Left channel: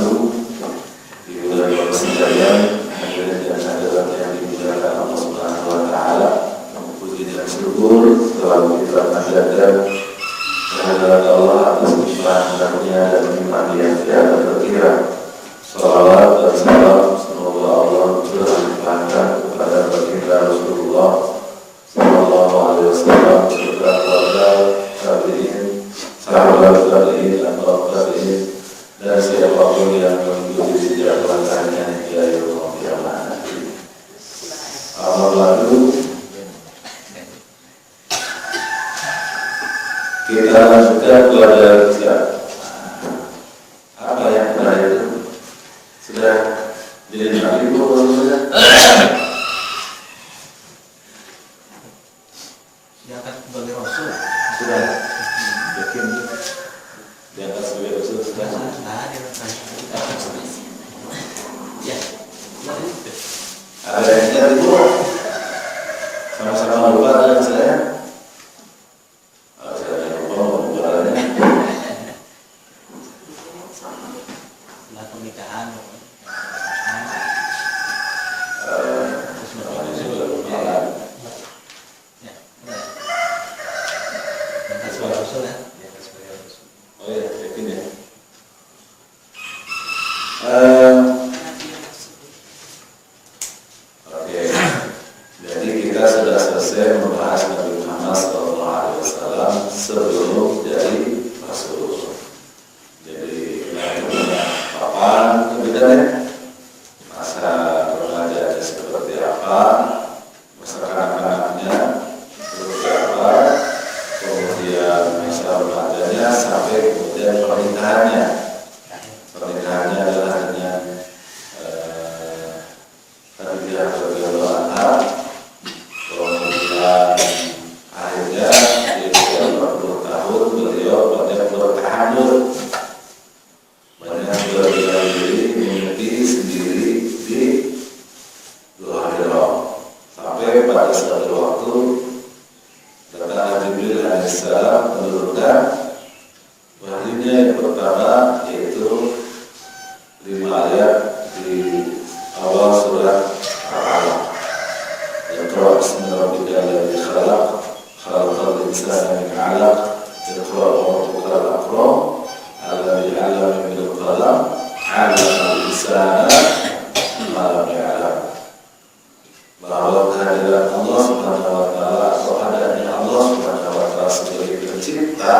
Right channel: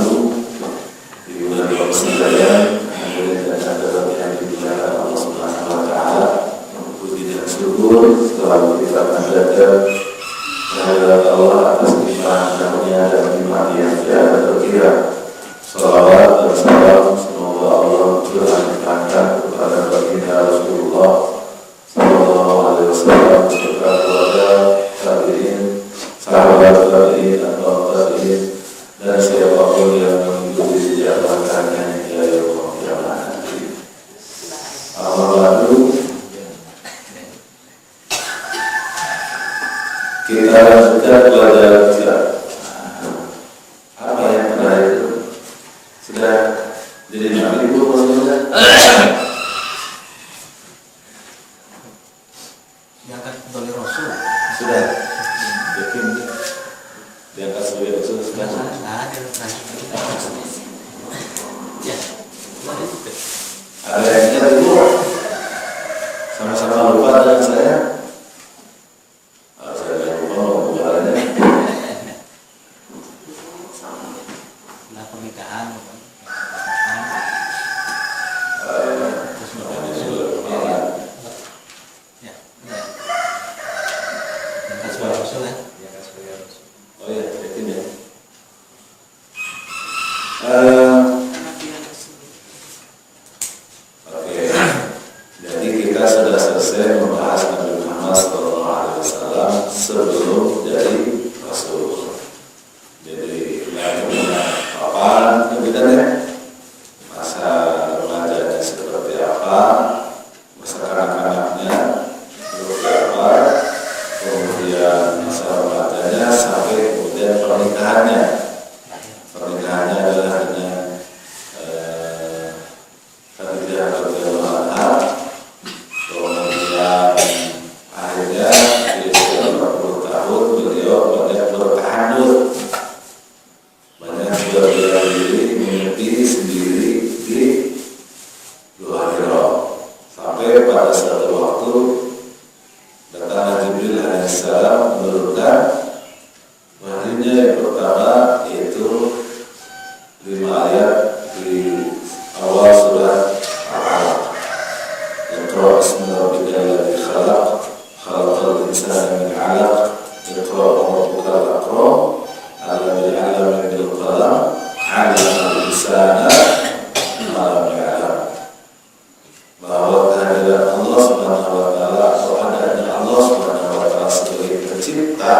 lalu di bulan Ramadan dan adalah yang dimuliakan Allah Subhanahu wa taala. Puji dan syukur selalu kita panjatkan kehadirat Allah atas limpahan-Nya dan nikmat yang tiada terkira. Salawat dan salam semoga Allah curahkan kepada baginda Rasulullah sallallahu alaihi wasallam beserta keluarga, tabi'in, sahabat tabi'in atau tabi'in dan siapapun yang mengikuti sejak mereka hingga yaumul qiyamah nanti. Apabila kita lanjutkan pelajaran kita. Apa yang terakhir itu? Sudah jadi nabi belum? Diangkat sebagai rasul. Sudah. Yakin diangkat sebagai rasul sudah. Ya. Ada yang ingat ibu? Sama-sama lupa dengan saya. Kalau saya lupa mau berjalannya. Setelah pernikahan. Oh ya, yakin ya. Oke, jadi kita sudah selesai membahas Nabi Muhammad SAW sebelum jadi Rasul. Jadi kapan kebetulan masa remajanya seperti apa, masa kanak-kanaknya seperti apa, kemudian masa remajanya sampai kemudian pernikahannya. Pernikahannya adalah dengan Khadijah radhiyallahu anha. Kemudian akhirnya di usia 40 tahun beliau banyak bertahanut, banyak berdiam diri, mimpi sendiri di Gua Hira, sampai pada suatu waktu datang Jibril alaihissalam menurunkan wahyunya yang pertama, yaitu 5 ayat di awal surat Al-Alaq. Iqra bismi rabbikal ladzi khalaq, khalaqal insana min 'alaq, iqra wa rabbukal akram, alladzi 'allama bil qalam, 'allamal insana ma lam ya'lam. Bahwa kehadiran Allah Subhanahu wa taala atau adanya Allah Subhanahu wa taala sebagai pencipta,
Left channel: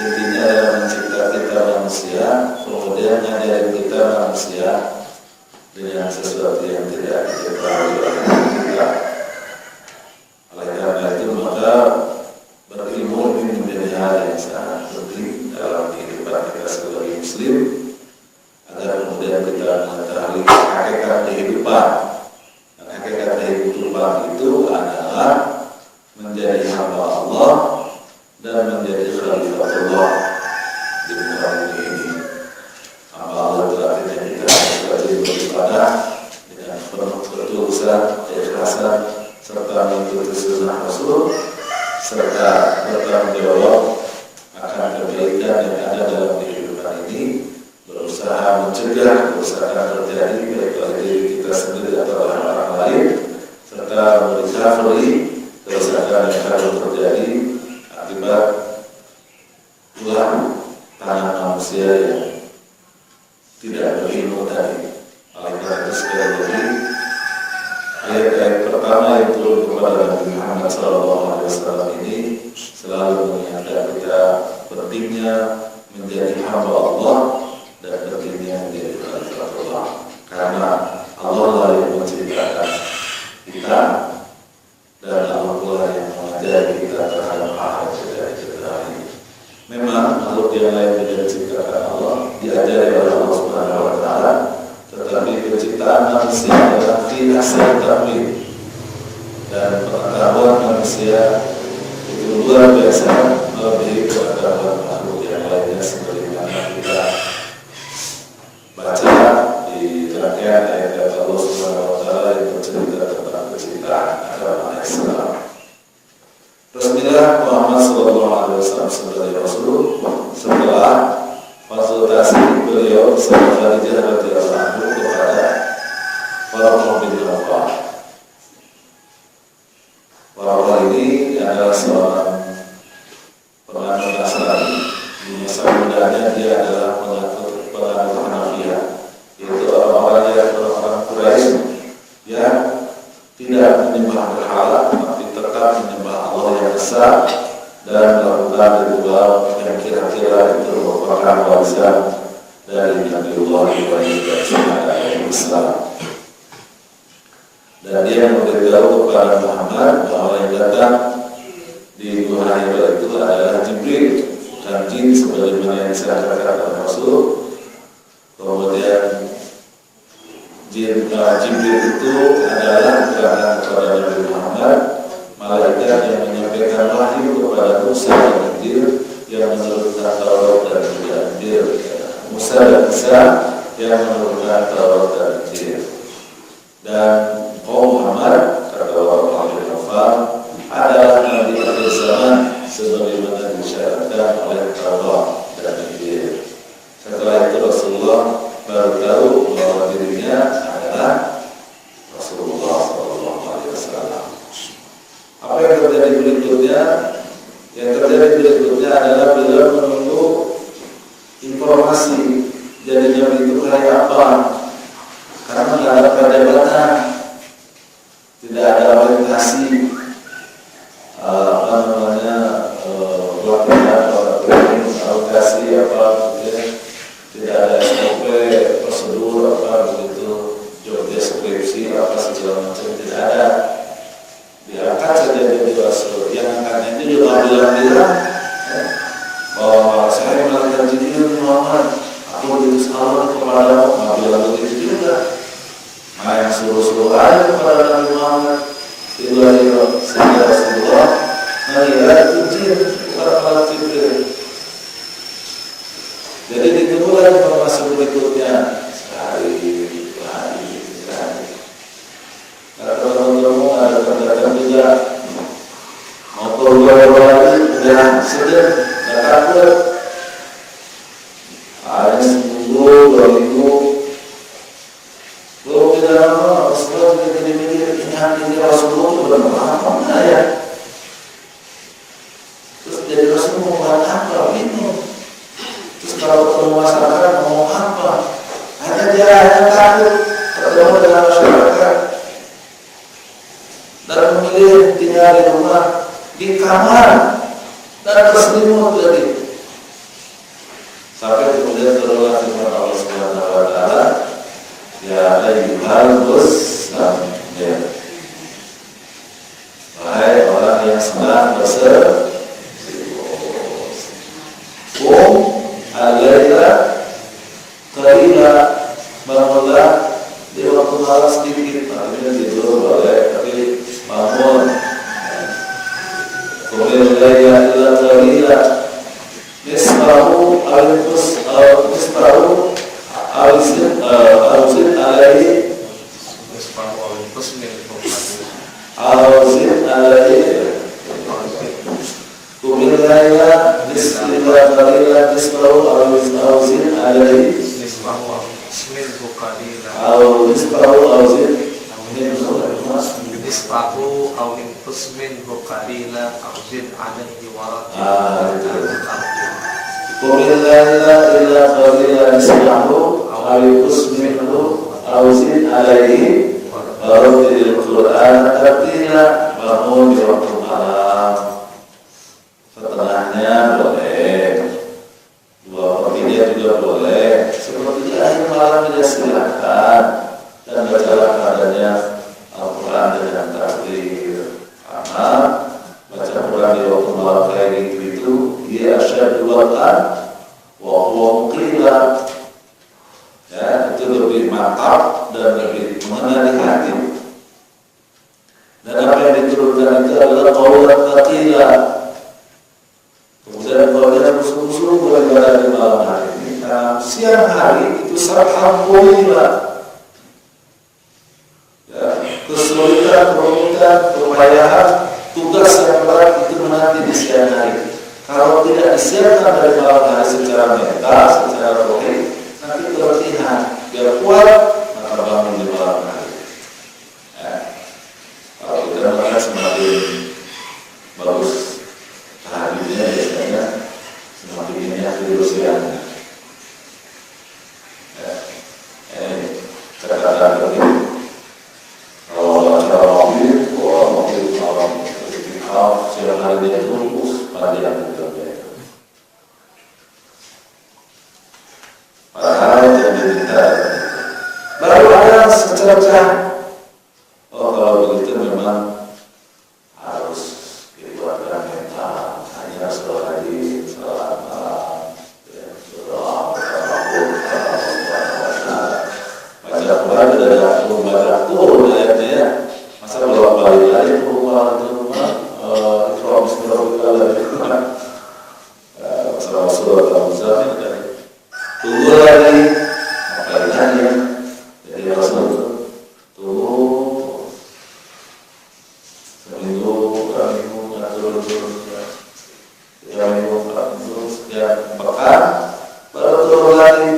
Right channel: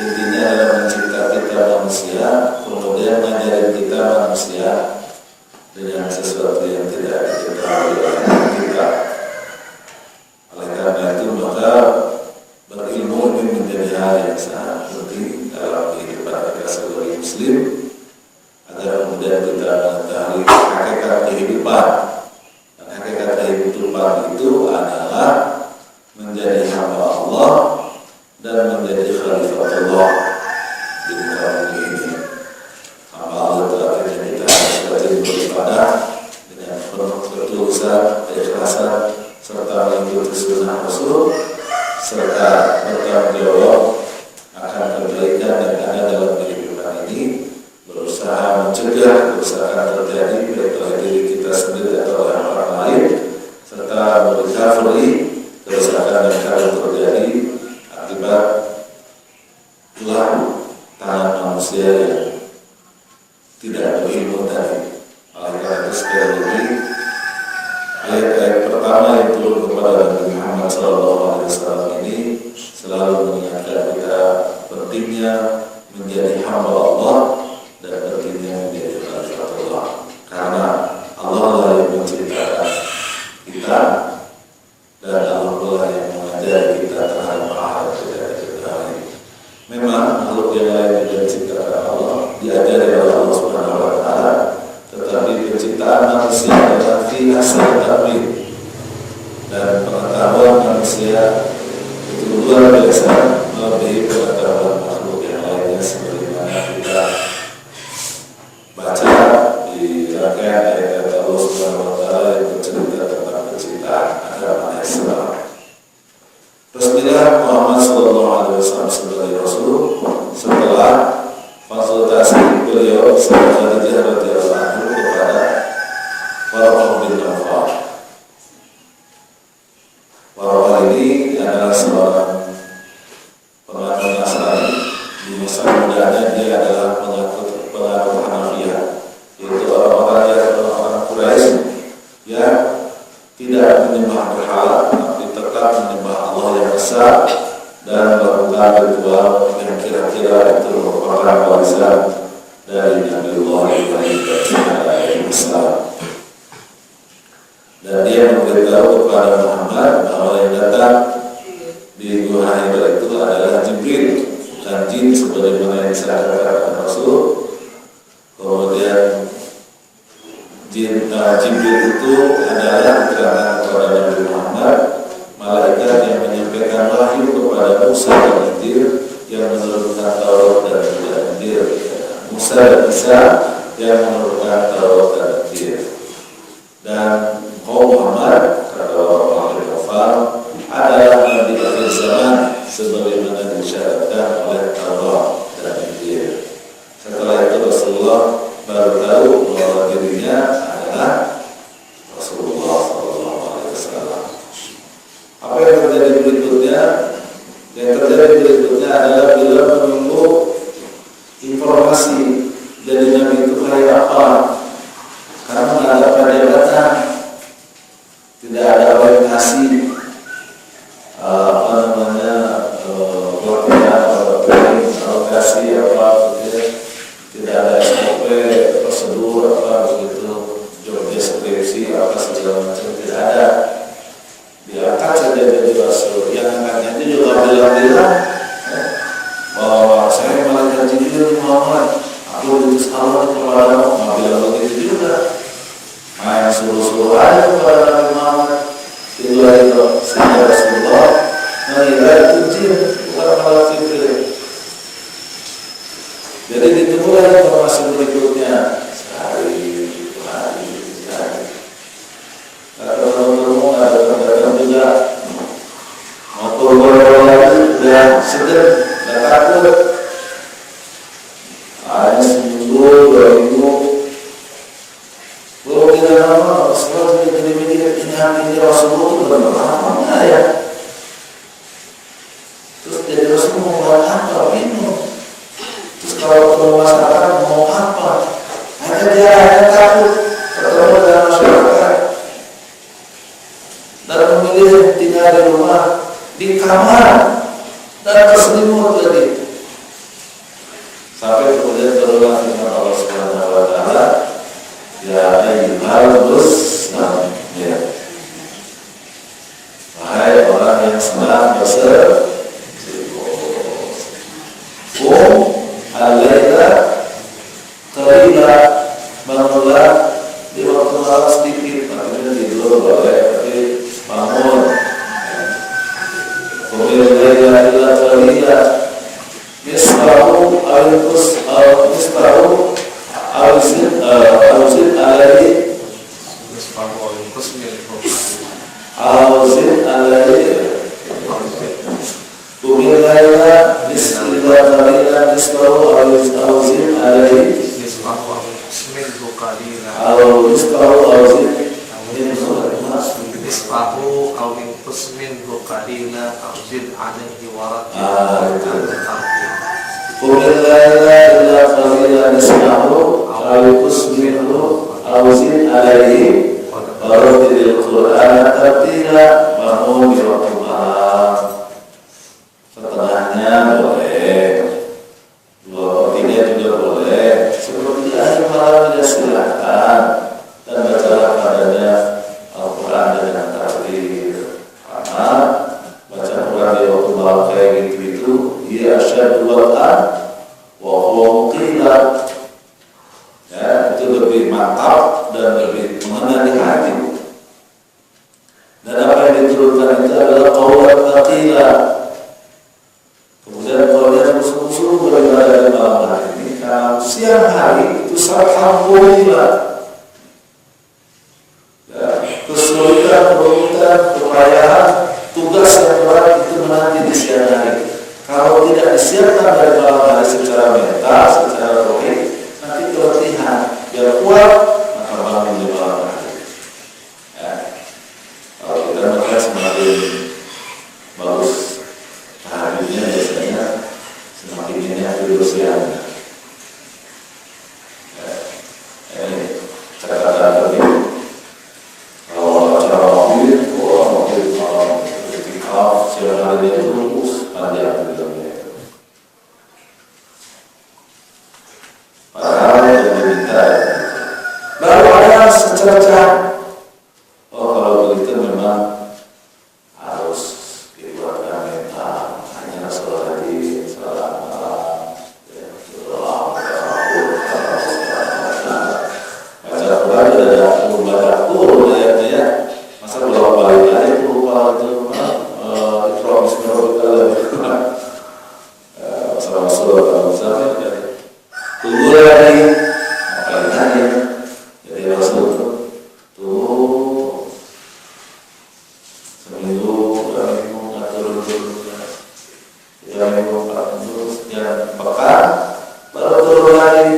intinya adalah mencipta kita manusia, kemudian mengajarin kita manusia dengan sesuatu yang tidak diketahui oleh kita. Oleh karena itu maka berilmu ini menjadi hal yang sangat penting dalam kehidupan kita sebagai Muslim, agar kemudian kita mengetahui hakikat kehidupan. Dan hakikat kehidupan itu adalah menjadi hamba Allah dan menjadi khalifatullah di muka bumi ini. Hamba Allah itu artinya kita harus rajin beribadah dengan penuh ketulusan, keikhlasan, serta mengikuti sunnah Rasul, serta bertanggung jawab akan kebaikan yang ada dalam kehidupan ini, berusaha mencegah kerusakan terjadi baik oleh diri kita sendiri atau oleh orang lain, serta merecovery kerusakan yang akan terjadi akibat ulah tangan manusia yang tidak berilmu tadi. Oleh karena itu sekali lagi ayat-ayat pertama yang turun kepada Nabi Muhammad SAW ini selalu mengingatkan kita pentingnya menjadi hamba Allah dan pentingnya menjadi khalifatullah. Karena Allah lah yang menciptakan kita dan Allah lah yang mengajari kita terhadap hal yang tidak diketahui. Memang makhluk yang lain tidak diciptakan Allah, diajari oleh Allah Subhanahu wa taala, tetapi penciptaan manusia adalah fi ahsani taqwim, dan pengetahuan manusia itu luar biasa melebihi pengetahuan makhluk yang lainnya, sebagaimana kita baca di rangkaian ayat Allah Subhanahu wa taala yang bercerita tentang penciptaan agama Islam. Rasulullah Muhammad SAW sebagai Rasul setelah istilahnya dia adalah penganut Hanafiyah, yaitu orang-orang Quraisy yang tidak menyembah berhala, tapi tetap menyembah Allah yang besar dan melakukan ritual yang kira-kira itu merupakan warisan dari Nabiullah Ibrahim alaihissalam. Dan dia memberitahu kepada Muhammad bahwa yang datang di Gua Hira itu adalah Jibril, bukan jin sebagaimana yang disampaikan oleh Rasul. Kemudian Jibril itu adalah diterangkan kepada Nabi Muhammad malaikat yang menyampaikan wahyu kepada Musa dan Injil yang menurunkan Taurat dan juga Injil. Musa dan Isa yang menurunkan Taurat dan Injil. Dan kaum Muhammad, kata orang-orang Kafir, adalah nabi akhir zaman sebagaimana disyaratkan oleh Taurat dan Injil. Setelah itu Rasulullah baru tahu bahwa dirinya adalah Rasulullah SAW. Apa yang terjadi berikutnya? Yang terjadi berikutnya adalah bila menunggu informasi jadi nabi itu kayak apa, karena tidak ada perdebatan, tidak ada orientasi alokasi apa gitu, tidak ada SOP prosedur apa begitu, job deskripsi apa segala macam, tidak ada. Diangkat saja jadi Rasul, yang angkatnya itu juga bilang-bilang bahwa saya malaikat Jibril Muhammad, aku diutus Allah kepadamu, bilang begitu juga. Main suruh-suruh aja kepada Nabi Muhammad. Itu adalah sehingga Rasulullah mengira itu jin, bukan malaikat Jibril. Jadi ditunggulah informasi berikutnya hari. Kata teman-teman ada pendatang juga mau keluar lagi, udah seger, udah takut. Hanya seminggu, 2 minggu. Belum tidak lama, Rasulullah jadi mikir ini Rasulullah itu benar apa enggak ya? Terus jadi Rasul mau buat apa? Bingung. Terus kalau ketemu masyarakat mau apa? Hanya dia hanya takut ketemu dengan masyarakat dan memilih tinggal di rumah, di kamar dan berselimut lagi. Sampai kemudian turunlah firman Allah Subhanahu wa taala, ya ayyuhal muzammil, wahai orang yang senang berselimut, al-laila qalila, bangunlah di waktu malam sedikit, makanya tidur boleh tapi bangun. Qumil laila illa qalila nisfahu aw nisfahu aw zid alaihi Qumil laila illa qalila nisfahu aw zid alaihi Qumil laila illa qalila nisfahu aw minhu aw zid alaihi warattilil Qur'ana tartila. Bangun di waktu malam, setengahnya boleh, 2/3 juga boleh, 1/3 akhir malam juga silakan, dan bacalah padanya Al-Quran dengan takbir. Karena baca Quran di waktu malam kayak gitu dia asyadu wal'an wa huwa muqila, ya, itu lebih mantap dan lebih mengena di hati. Dan apa yang diturunkan itu adalah qaulan thaqila. Kemudian kalau dia musuh-musuh beribadah di malam hari ini, karena siang hari itu sarhan qulila, ya, kesulitan, kerumitan, kepayahan, tugas yang berat itu menanti di siang hari. Kalau tidak disiapkan dari malam hari secara mental, secara rohani, nanti keletihan. Biar kuat, maka bangun di malam hari. Ya. Kalau kita makan semakin bagus, harinya biasanya semakin ini tidur siang. baca. Oh kalau begitu memang harus dikuatkan mental. Hanya sholat tadi, sholat malam, baca Quran sudah ada baca Quran ayatnya ya. Masa bolak balik aja Quran itu Iqra bismillahirrahmanirrahim. Sama surat Al-Muzammil tadi. Tunggu lagi, apa lagi? Jadi Rasul tuh seminggu, dua minggu, nggak turun, 3 minggu, 4 minggu, sekian pekan, baru turun lagi.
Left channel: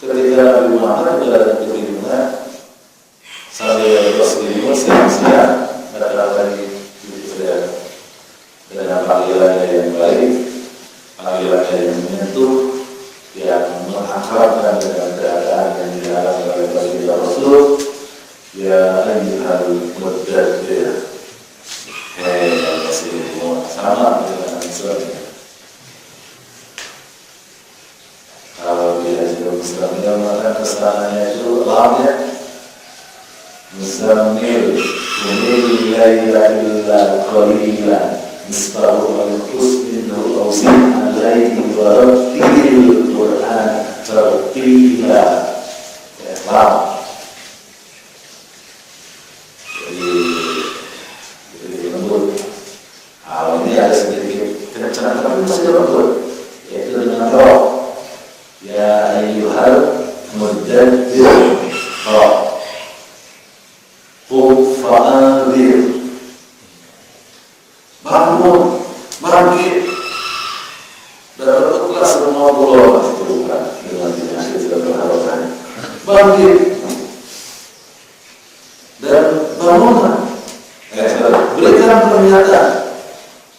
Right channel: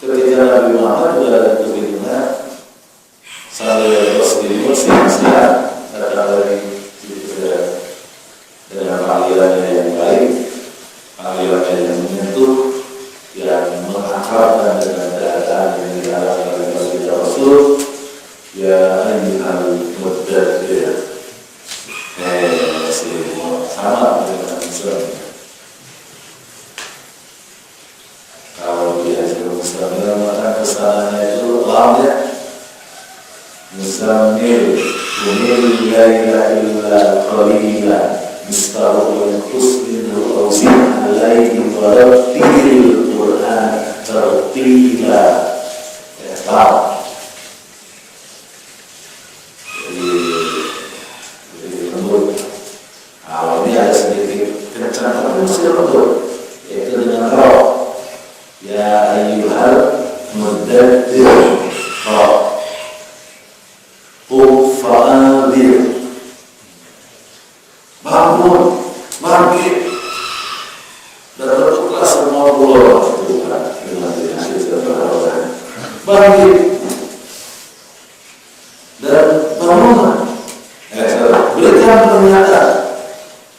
Ketika Nabi Muhammad juga ada kebingungan, sambil bersih siang-siang datang lagi dengan panggilannya yang baik, panggilannya yang menyentuh, yang menghantarkan dengan keadaan yang diharapkan oleh Rasul. Ya ayyuhal mudaththir, sama dengan Islam. Kalau dia Islam mengatakan kesalahannya itu lamnya Muzammil kumil laila illa qalila nisfahu wa yanqus minhu aw zid alayhi wa rattilil Qur'an tartila. Islam jadi lembut. Awalnya ada sedikit kencang tapi masih lembut, yaitu dengan roh. Ya ayyuhal mudaththir qum fa'anzir, bangun, bangkit, dan tutup semua pulau itu kan bangkit dan bangunlah. Berikan pernyataan.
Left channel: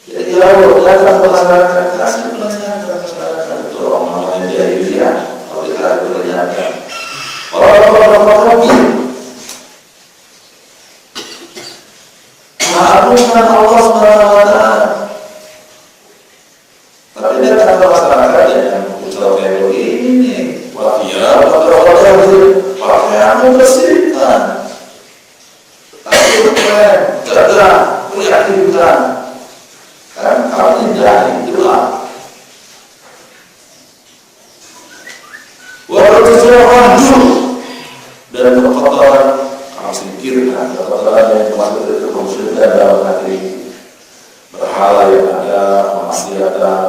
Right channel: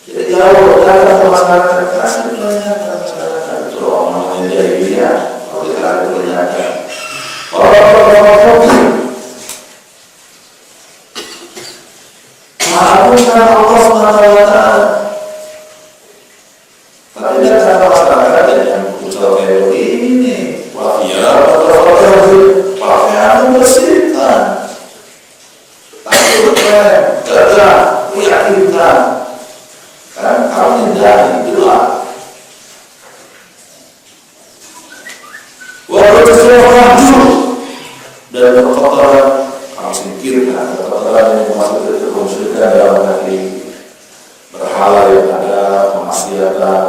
Jadi kalau datang ke masyarakat, kasih pernyataan masyarakat. Itu orang namanya jahiliyah. Kalau kita pernyataan, orang-orang kafir mengagungkan Allah SWT. Tapi datang ke masyarakat yang ucap kayak begini, wafiyah atau pakaian bersihkan, takut keren, gagah, meyakinkan. Kan kamu hindari itulah. Walau sesuatu dan kekotoran kamu singkirkan, kekotoran yang masuk itu kemusyrikan dalam hati, berhala yang ada, kemaksiatan,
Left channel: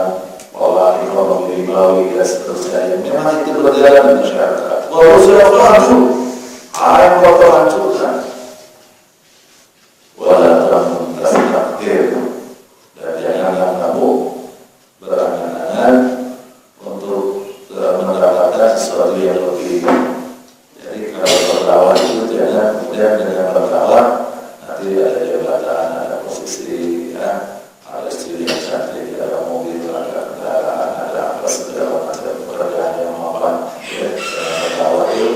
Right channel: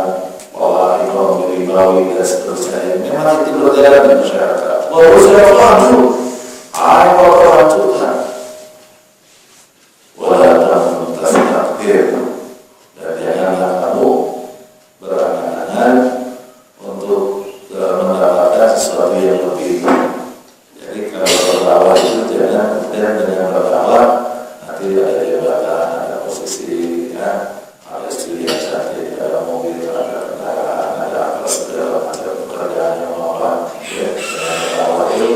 pola ekonomi ribawi dan seterusnya. Memang itu berjalan di masyarakat. Walau sesuatu apa hancurkan, walaupun tasbih. Dan janganlah kamu berangan-angan untuk mendapatkan sesuatu yang lebih. Jadi kalau berdakwah itu jangan kemudian dengan berdakwah nanti ada jabatan, ada posisi, ya, ada istri yang cantik, ada mobil, ada kendaraan, ada apa segala macam pekerjaan yang apa. Ya, dengan berdakwah itu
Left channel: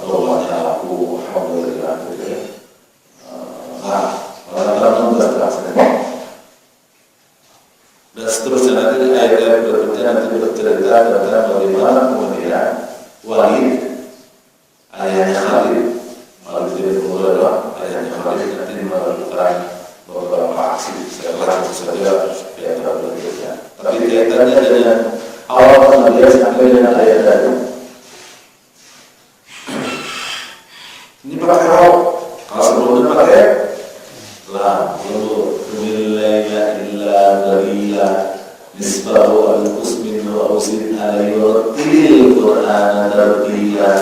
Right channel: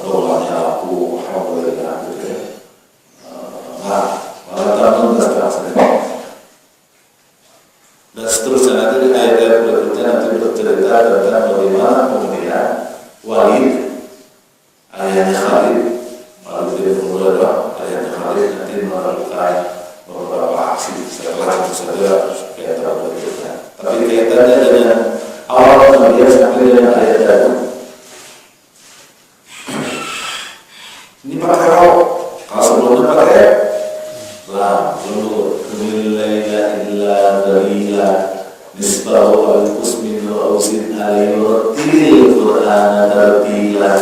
doanya aku alhamdulillah gitu ya. Malah tuntas rasanya. Dan seterusnya nanti ayat-ayat berikutnya nanti bercerita tentang bagaimana kemudian Walid, ayahnya Khalid, Walid bin Mughirah, ayahnya Khalid nanti melakukan beberapa aksi setelah itu saja kaitan berikutnya. Tapi kaitannya dengan awal kemudian sampai dengan ayat tadi. Ini pakai roh, kalau sebelumnya pakai lam, lembut. Kumil laila illa qalila nisfahu aw yanqus minhu aw zid alayhi wa rattilil Qur'ana tartila.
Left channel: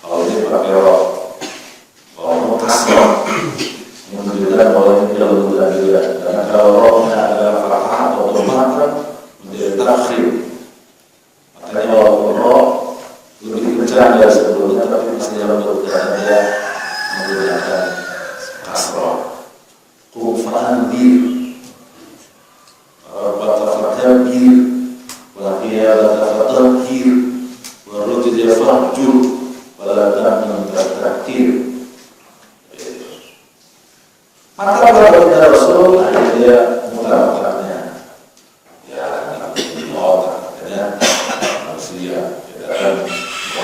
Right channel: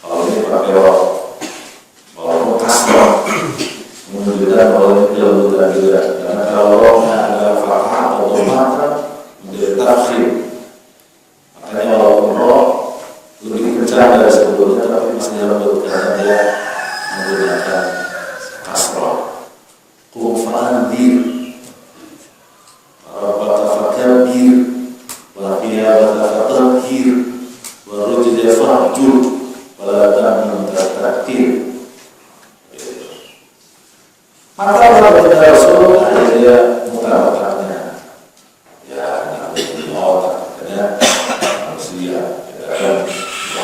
Kalau ini pakai roh, kalau kasrah menunjukkan bahwa ini tidak beda. Karena kalau rohnya adalah fathah atau mata menjadi tafsir. Makanya walaupun roh lebih kencang dari sebelumnya, tapi masih lembut karena dia menggunakan kasrah. Qum fa'anzir, rabbaka fakabbir, wa qiyamaka fatahhir, wa rujza fahjur, wa la tamnun tastakthir. Maka pada Rasul dia mutabakatnya, ya nanti otak, manusia, kita kan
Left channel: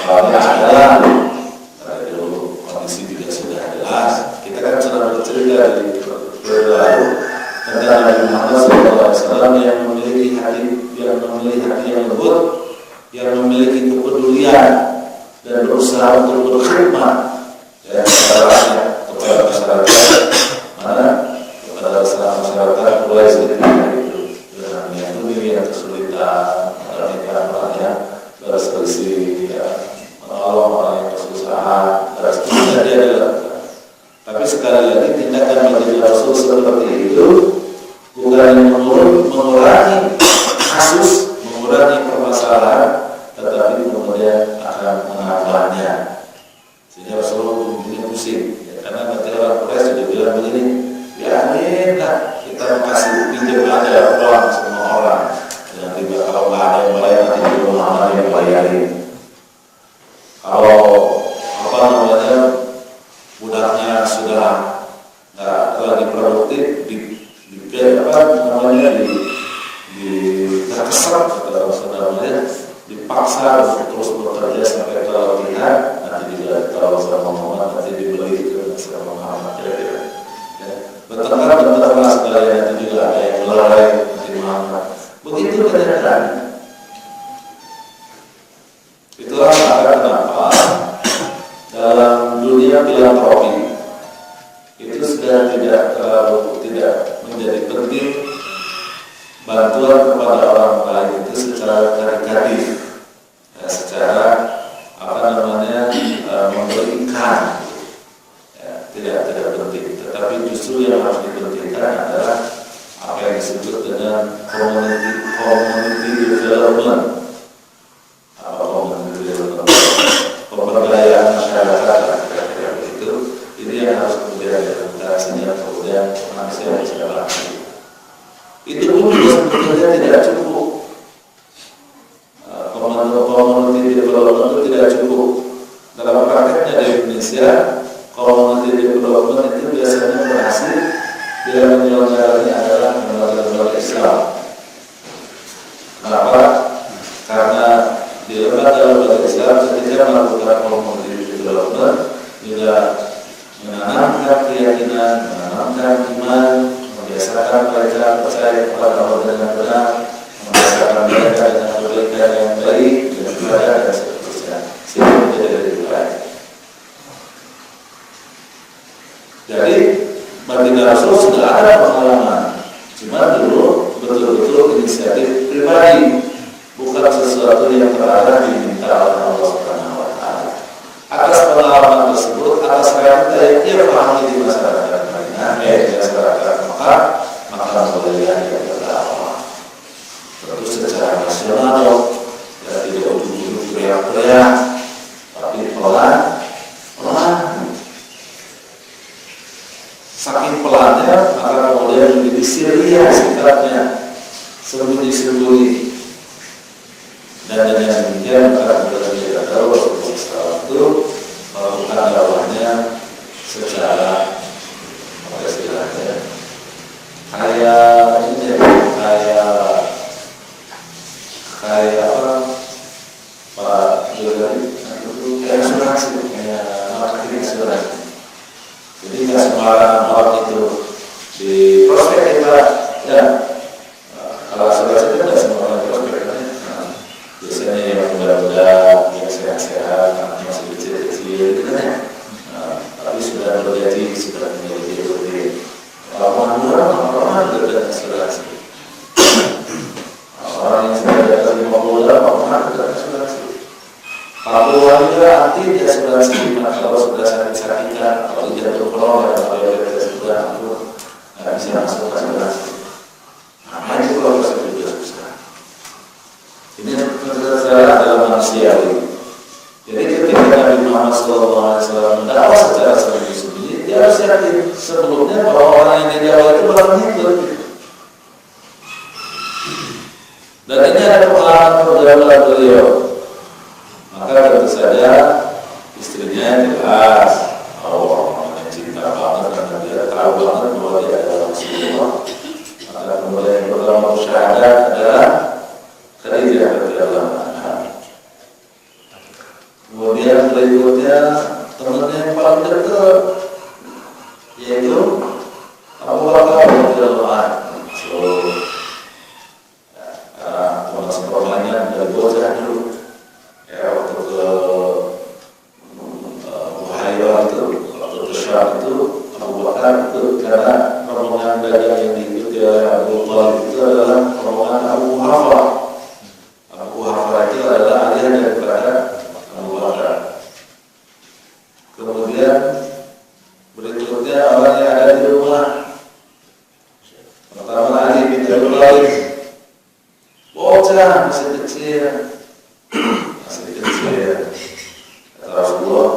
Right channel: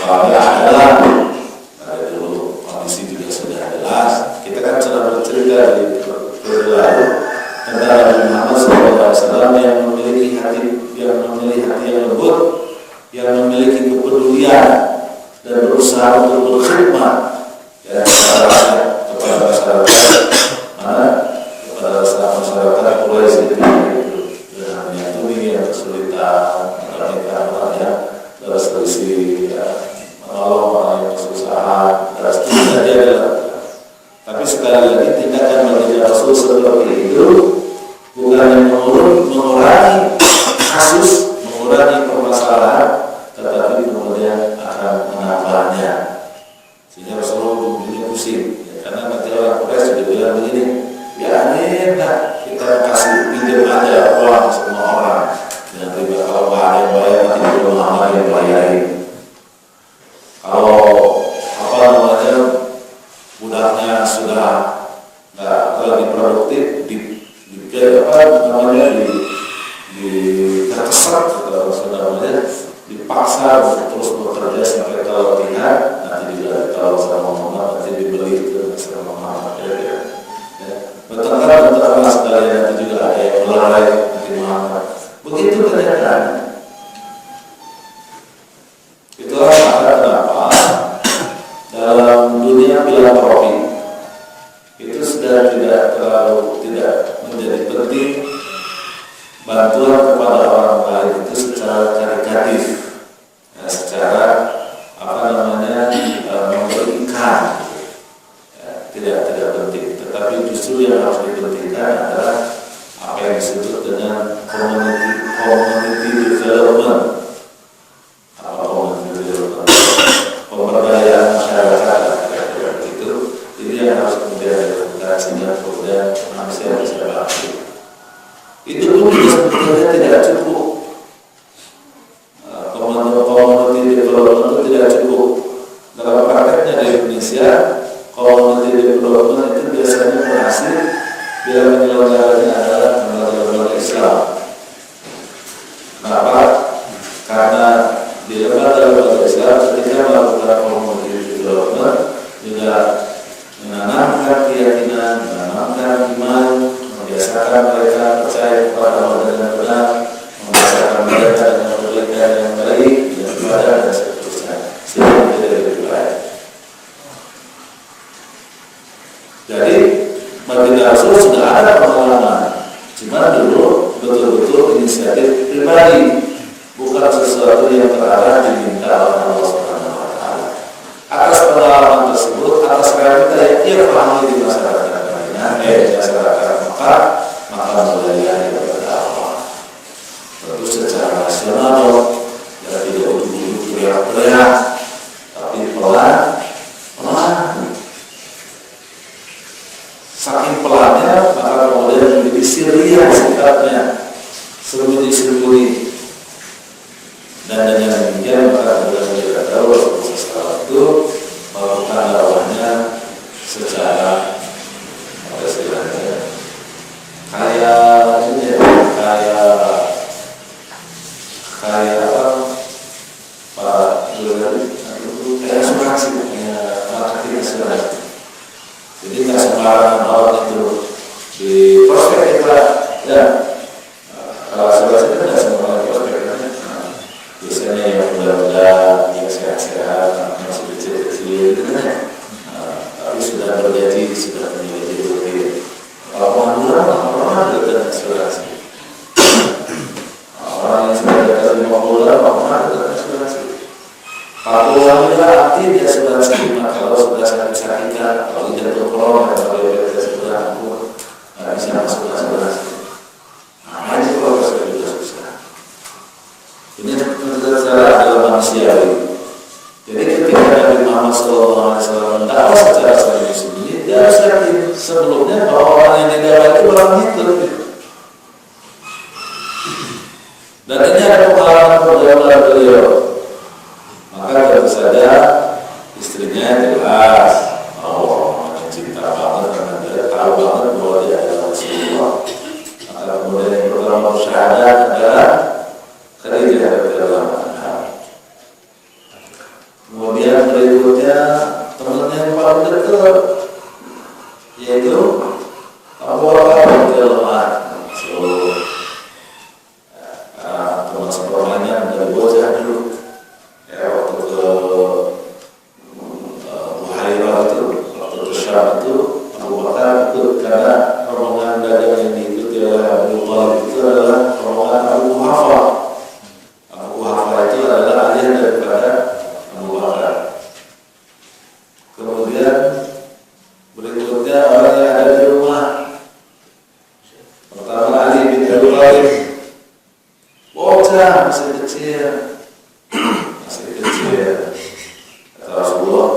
Qurannya adalah pengabdian dan berusaha untuk berkhidmat ya kepada masyarakat, mana kepada masyarakat Quraisy itu dengan yang kesulitan, mereka yang berselisih, ya, menolong orang yang kesusahan, dan seterusnya dia lakukan. Tapi sekali lagi tindakan baginda Rasul seperti itu bukan mengurangi kasus, mengurangi permasalahan, tetapi kemudian akan menambahnya. Sehingga Rasulullah punya pusing, ya, karena nanti orang Quraisy sudah bilang begini, biarinlah kita kasih pinjam aja uang semua orang dengan riba, kalau nggak ada yang bayar nanti belum Muhammad yang bayarin. Kalau apa namanya budaknya sudah nggak lagi produktif, terkesan atau sebenarnya dipaksa untuk terus bekerja sampai kalau tidak nanti juga tahu sama Muhammad, nanti dibeli ke sama Muhammad, ya. Bentar sekalian nanti juga ada yang melerai nanti Muhammad. Begitu kenyataan. Itulah kenapa dalam dunia filantropi itu sudah tidak menjadi penting bantuan kepada orang lain itu secara karitatif, ya, secara memberi ikan, ya, tidak penting. Tetapi justru yang harus dipentingkan adalah apa yang disebut dengan community development. Apa community development? Pemberdayaan masyarakat, itu. Ini yang harus kemudian dilakukan sehingga kemudian manusia bisa berhasil. Itu pun juga sebetulnya tidak cukup. Community development itu tidak cukup. Dalam prakteknya di Indonesia, community development itu biasanya berhasil bila penyelenggaranya adalah lembaga Islam. Kenapa? Karena di lembaga Islam ketika melakukan community development juga menanamkan keyakinan, menanamkan iman, membiasakan mereka percaya kepada Allah dengan benar, membiasakan mereka dengan kebaikan yang baik, dengan ibadah dan seterusnya, sehingga menjadi lebih baik. Jadi baginda Rasul sudah ada pengalaman, cuma dulu betul-betul inisiatif pribadi, bukan sesuatu yang terarah diminta oleh Allah Subhanahu wa Ta'ala. Atas pengalaman tersebut, atas realita yang ia pahami di masyarakat masyarakat Mekah, maka mulai dia berdakwah. Tentu secara nasional, ya tidak ujung-ujung teriak-teriak, tapi pelan. Saking pelannya, maka kemudian menjadi sirriah sifatnya, sembunyi-sembunyi. Dan dengan demikian maka kemudian kita tahu Rasulullah itu melakukan dakwahnya secara istilahnya kayak apa Pak Jolari kayak asuransi, kayak marketing asuransi. Jadi nggak sembarangan orang itu di prospek kita, ya. Kalau asuransi itu nggak semua orang prospek, biasanya yang muda-muda, yang sehat-sehat, masih kecil-kecil, gitu kan ya. Tapi sudah bergaji, sudah memiliki duit. Kalau orang dengan asuransi. Orang yang sudah di atas 50 orang dengan asuransi. Para wanita aktif di asuransi, kalau sudah sakit-sakitan, kalau jatuh corona atau diabetes sudah nggak bisa masuk asuransi. Makanya kalau sudah susah. Ini secara adalah manusiawi. Jadi ketika Nabi Muhammad SAW mendakwah secara sembunyi-sembunyi, dia harus yakin sebelumnya bahwa orang yang didakwah itu barang itu. Dan ini ada pengalaman perjalanan beliau. Maka tentu saja istrinya jelas, namanya cinta banget karena dia tahu banget bahwa dia adalah Rasulullah. Maka kemudian yang pertama bersyahadat adalah Khadijah radhiyallahu anha. Kemudian berikutnya temannya yang paling dekat yaitu Abu Bakar radhiyallahu anhu. Teman sepermainan dari bocah dulu, ya waktu ke saja, masih kecil. Masih kecil. Kata Rasulullah,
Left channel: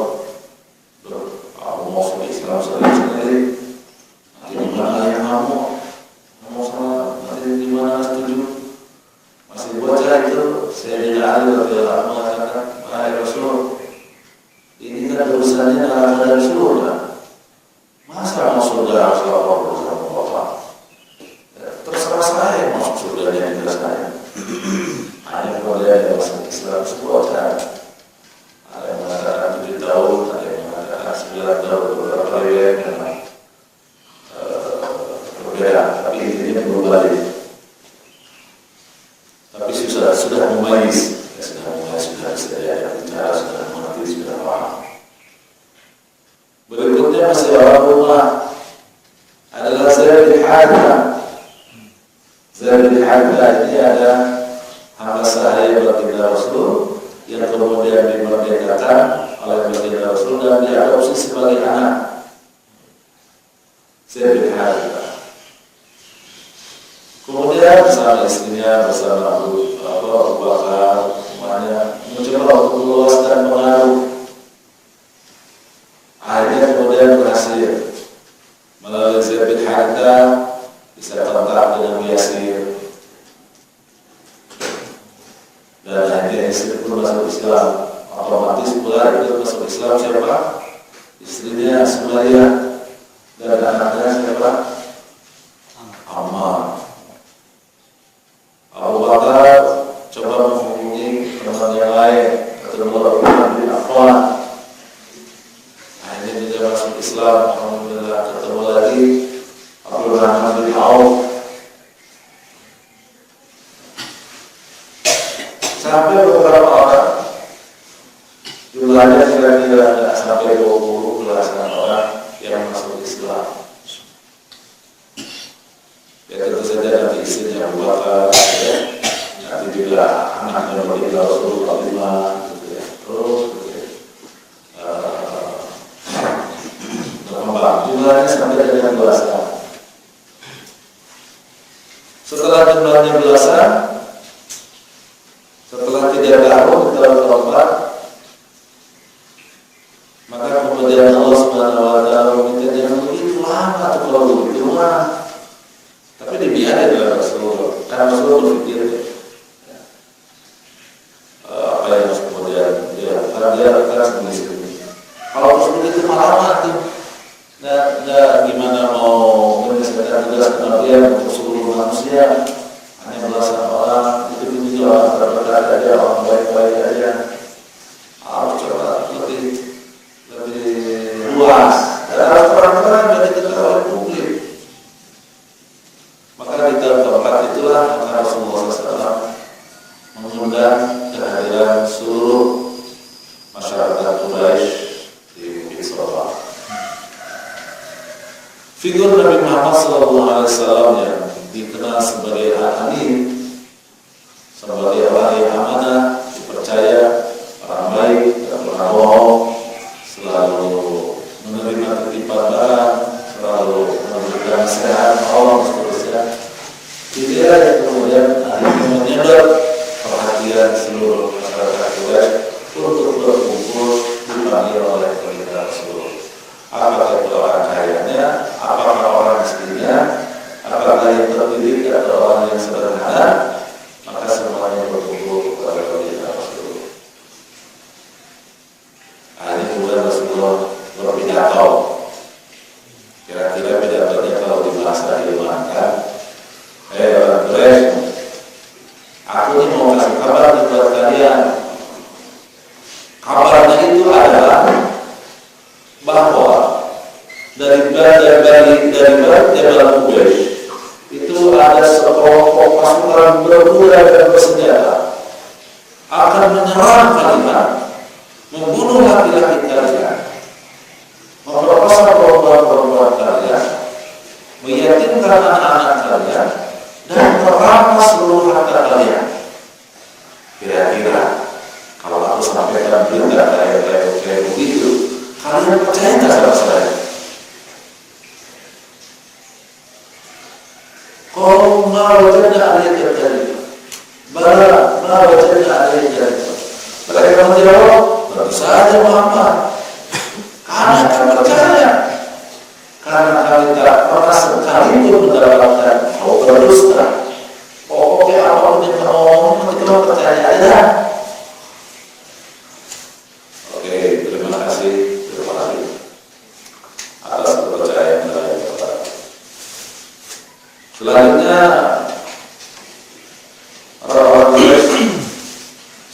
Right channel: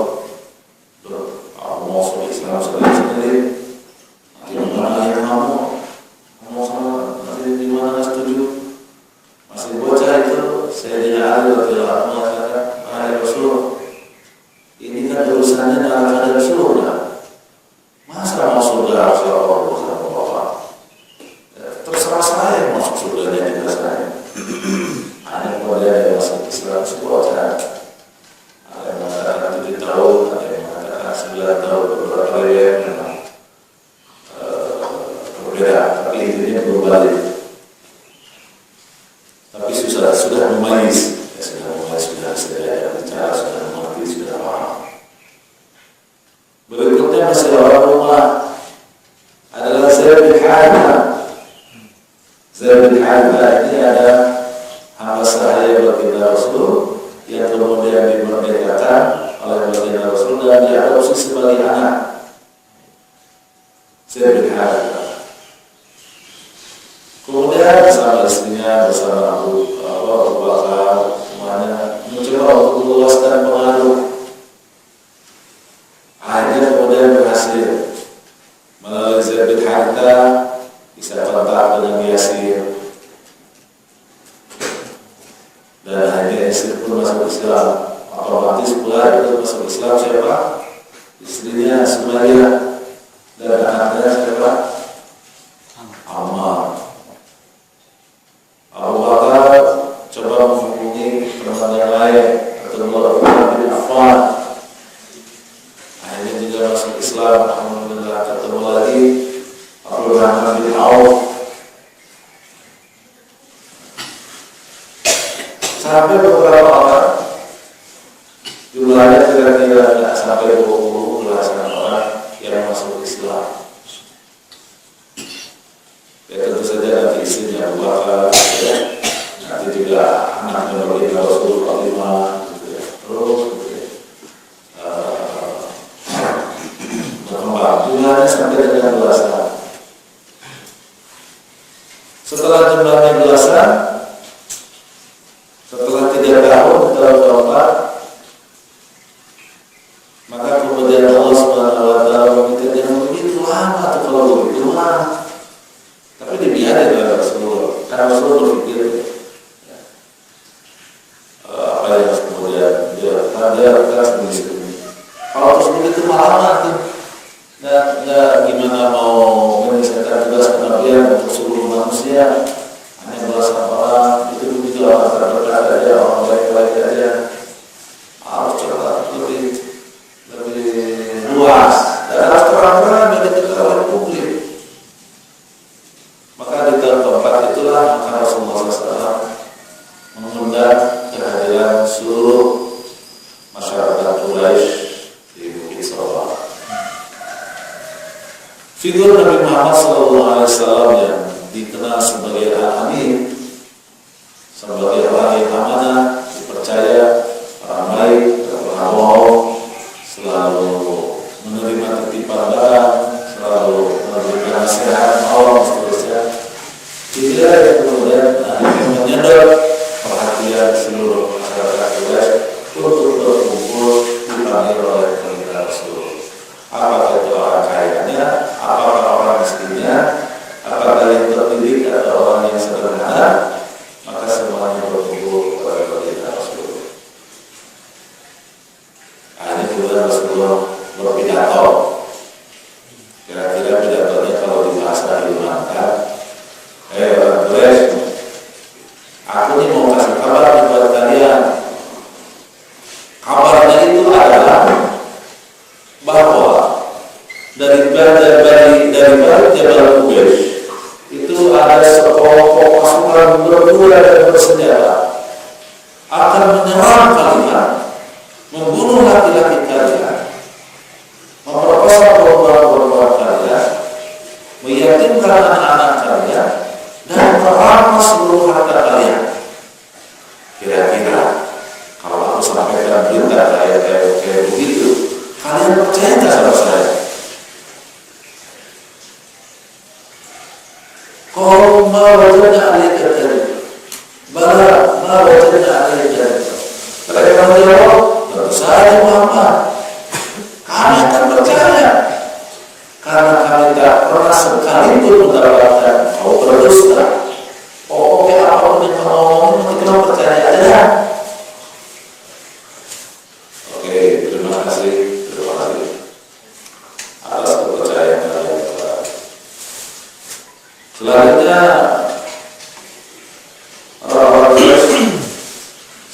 "Loh, aku mau masuk Islam sendiri. Gimana ayah kamu? Kamu sama nanti di mana setuju?" Masih bocah itu, Sayyidina Ali radhiyallahu anhu mengatakan, "Wahai Rasul, ini kan urusannya neraka dan surga. Masa mau surga harus lapor urusan bapak? Terserah saya yang masuk surganya juga saya." Hanya kepada yang masuk Islam bocah. Ada yang mengatakan 7 tahun, ada yang mengatakan 9 tahun, beberapa riwayat memang berbeda, tapi intinya belum balik. Tapi sudah memayis, sudah bisa bicara, sudah mengerti, sudah paham. Berikutnya masih orang rumah adalah Zaid bin Haritha. Zaid bin Haritha ini ada hamba sahaya baginda Rasul yang kemudian dimerdekakan oleh baginda Rasul dan diadopsi sebagai anak. Zaid bin Haritha. Kemudian bersama istrinya, bersama Abu Bakar, semuanya mencoba untuk meluaskan pengaruh. Akhirnya kemudian berhasil melalui Zaid bin Haritha bisa kontak dengan Yasir, dan akhirnya Yasir pun masuk Islam. Otomatis pula itu masuk Islam siapa? Istrinya Sumayyah dan anaknya siapa? Ammar. Abu Bakar coba menghubungi teman yang lain, ketemu Abu bin Affan. Akhirnya juga masuk Islam. Alhamdulillah, ketemu lagi Abdul Rahman bin Auf. Sampai beberapa orang, jumlahnya kira-kira tidak sampai 20 belasan orang yang masuk Islam. Ya tentu saja nanti istrinya Abu Bakar, ya. Nanti juga anaknya baginda Rasul Fatimah, gitu ya. Terus berkembang. Jumlahnya sampai dengan belasan. Setelah jumlahnya belasan, setelah 3 tahun kalau berubah, maka kemudian Allah Subhanahu wa taala meminta jangan begitu lama atau kalau begitu mah. Tapi dibiarin oleh Rasulullah, karena Rasulullah berpikir apa yang harus kemudian dia akan sendiri. Kalau terus begitu lama tuh, nggak gimana mau menyelesaikan tugas kenabian untuk seluruh manusia, hanya belasan orang, itu juga orang terdekat aja, orang baik-baik aja. Harus coba lebih luas dan harus terang-terang dari ketahuan publik. Maka di tahun keempat itulah maka Rasulullah SAW mengundang kehadiran seluruh masyarakat Quraisy di Bukit Sawa. Figur Nabi Muhammad SAW yang dikenal sebagai Al-Amin, sebagai orang yang amanah, dipercaya, orang baik, tidak pernah bohong, selalu menerima titipan barang, selalu memberikan nasihat, Allah, seterusnya. Dia yang kemudian menyedot perhatian seluruh masyarakat Quraisy untuk berkumpul dipanggil oleh baginda Rasul. Apakah itu orang kayanya, apakah orang miskinnya, apakah yang terdidik atau orang yang sederhana, maka semuanya berkumpul pada baginda Rasul. Akhirnya kemudian Rasulullah berpidato. Kira-kira pidatonya kalau di bahasa Hilman, orang Quraisy, aku ini mau kasih kabar buat kalian. Kabarnya itu adalah bahwa dari Jabal Quraisy itu ada sekelompok pasukan berkuda dan bersenjata akan menyerang kalian, membunuh laki-laki kalian, memperkosa perempuan-perempuan kalian, meyatimkan anak-anak kalian, dan merampas seluruh harta kalian. Kira-kira kalau aku sampaikan berita kayak begitu, kalian percaya nggak sama saya? Kalau mau wajibnya ayat tadi, bala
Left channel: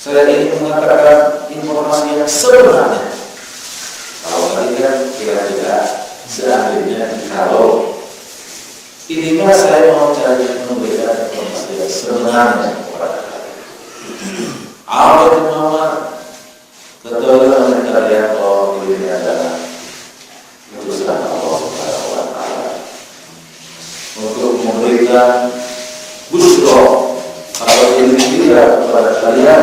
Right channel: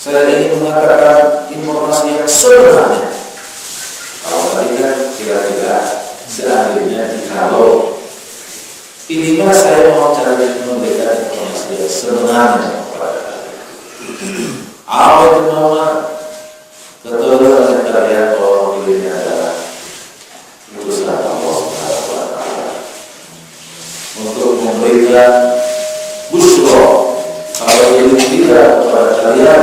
Saya ingin mengatakan informasi yang sebenarnya. Kalau tadi kan kira-kira seandainya kalau ini mah saya mau cari memberikan informasi yang sebenarnya kepada kalian. Apa itu mama? Ketahuilah kalian bahwa ini adalah utusan Allah Subhanahu wa Ta'ala untuk memberikan busro kalau ini tidak kepada kalian,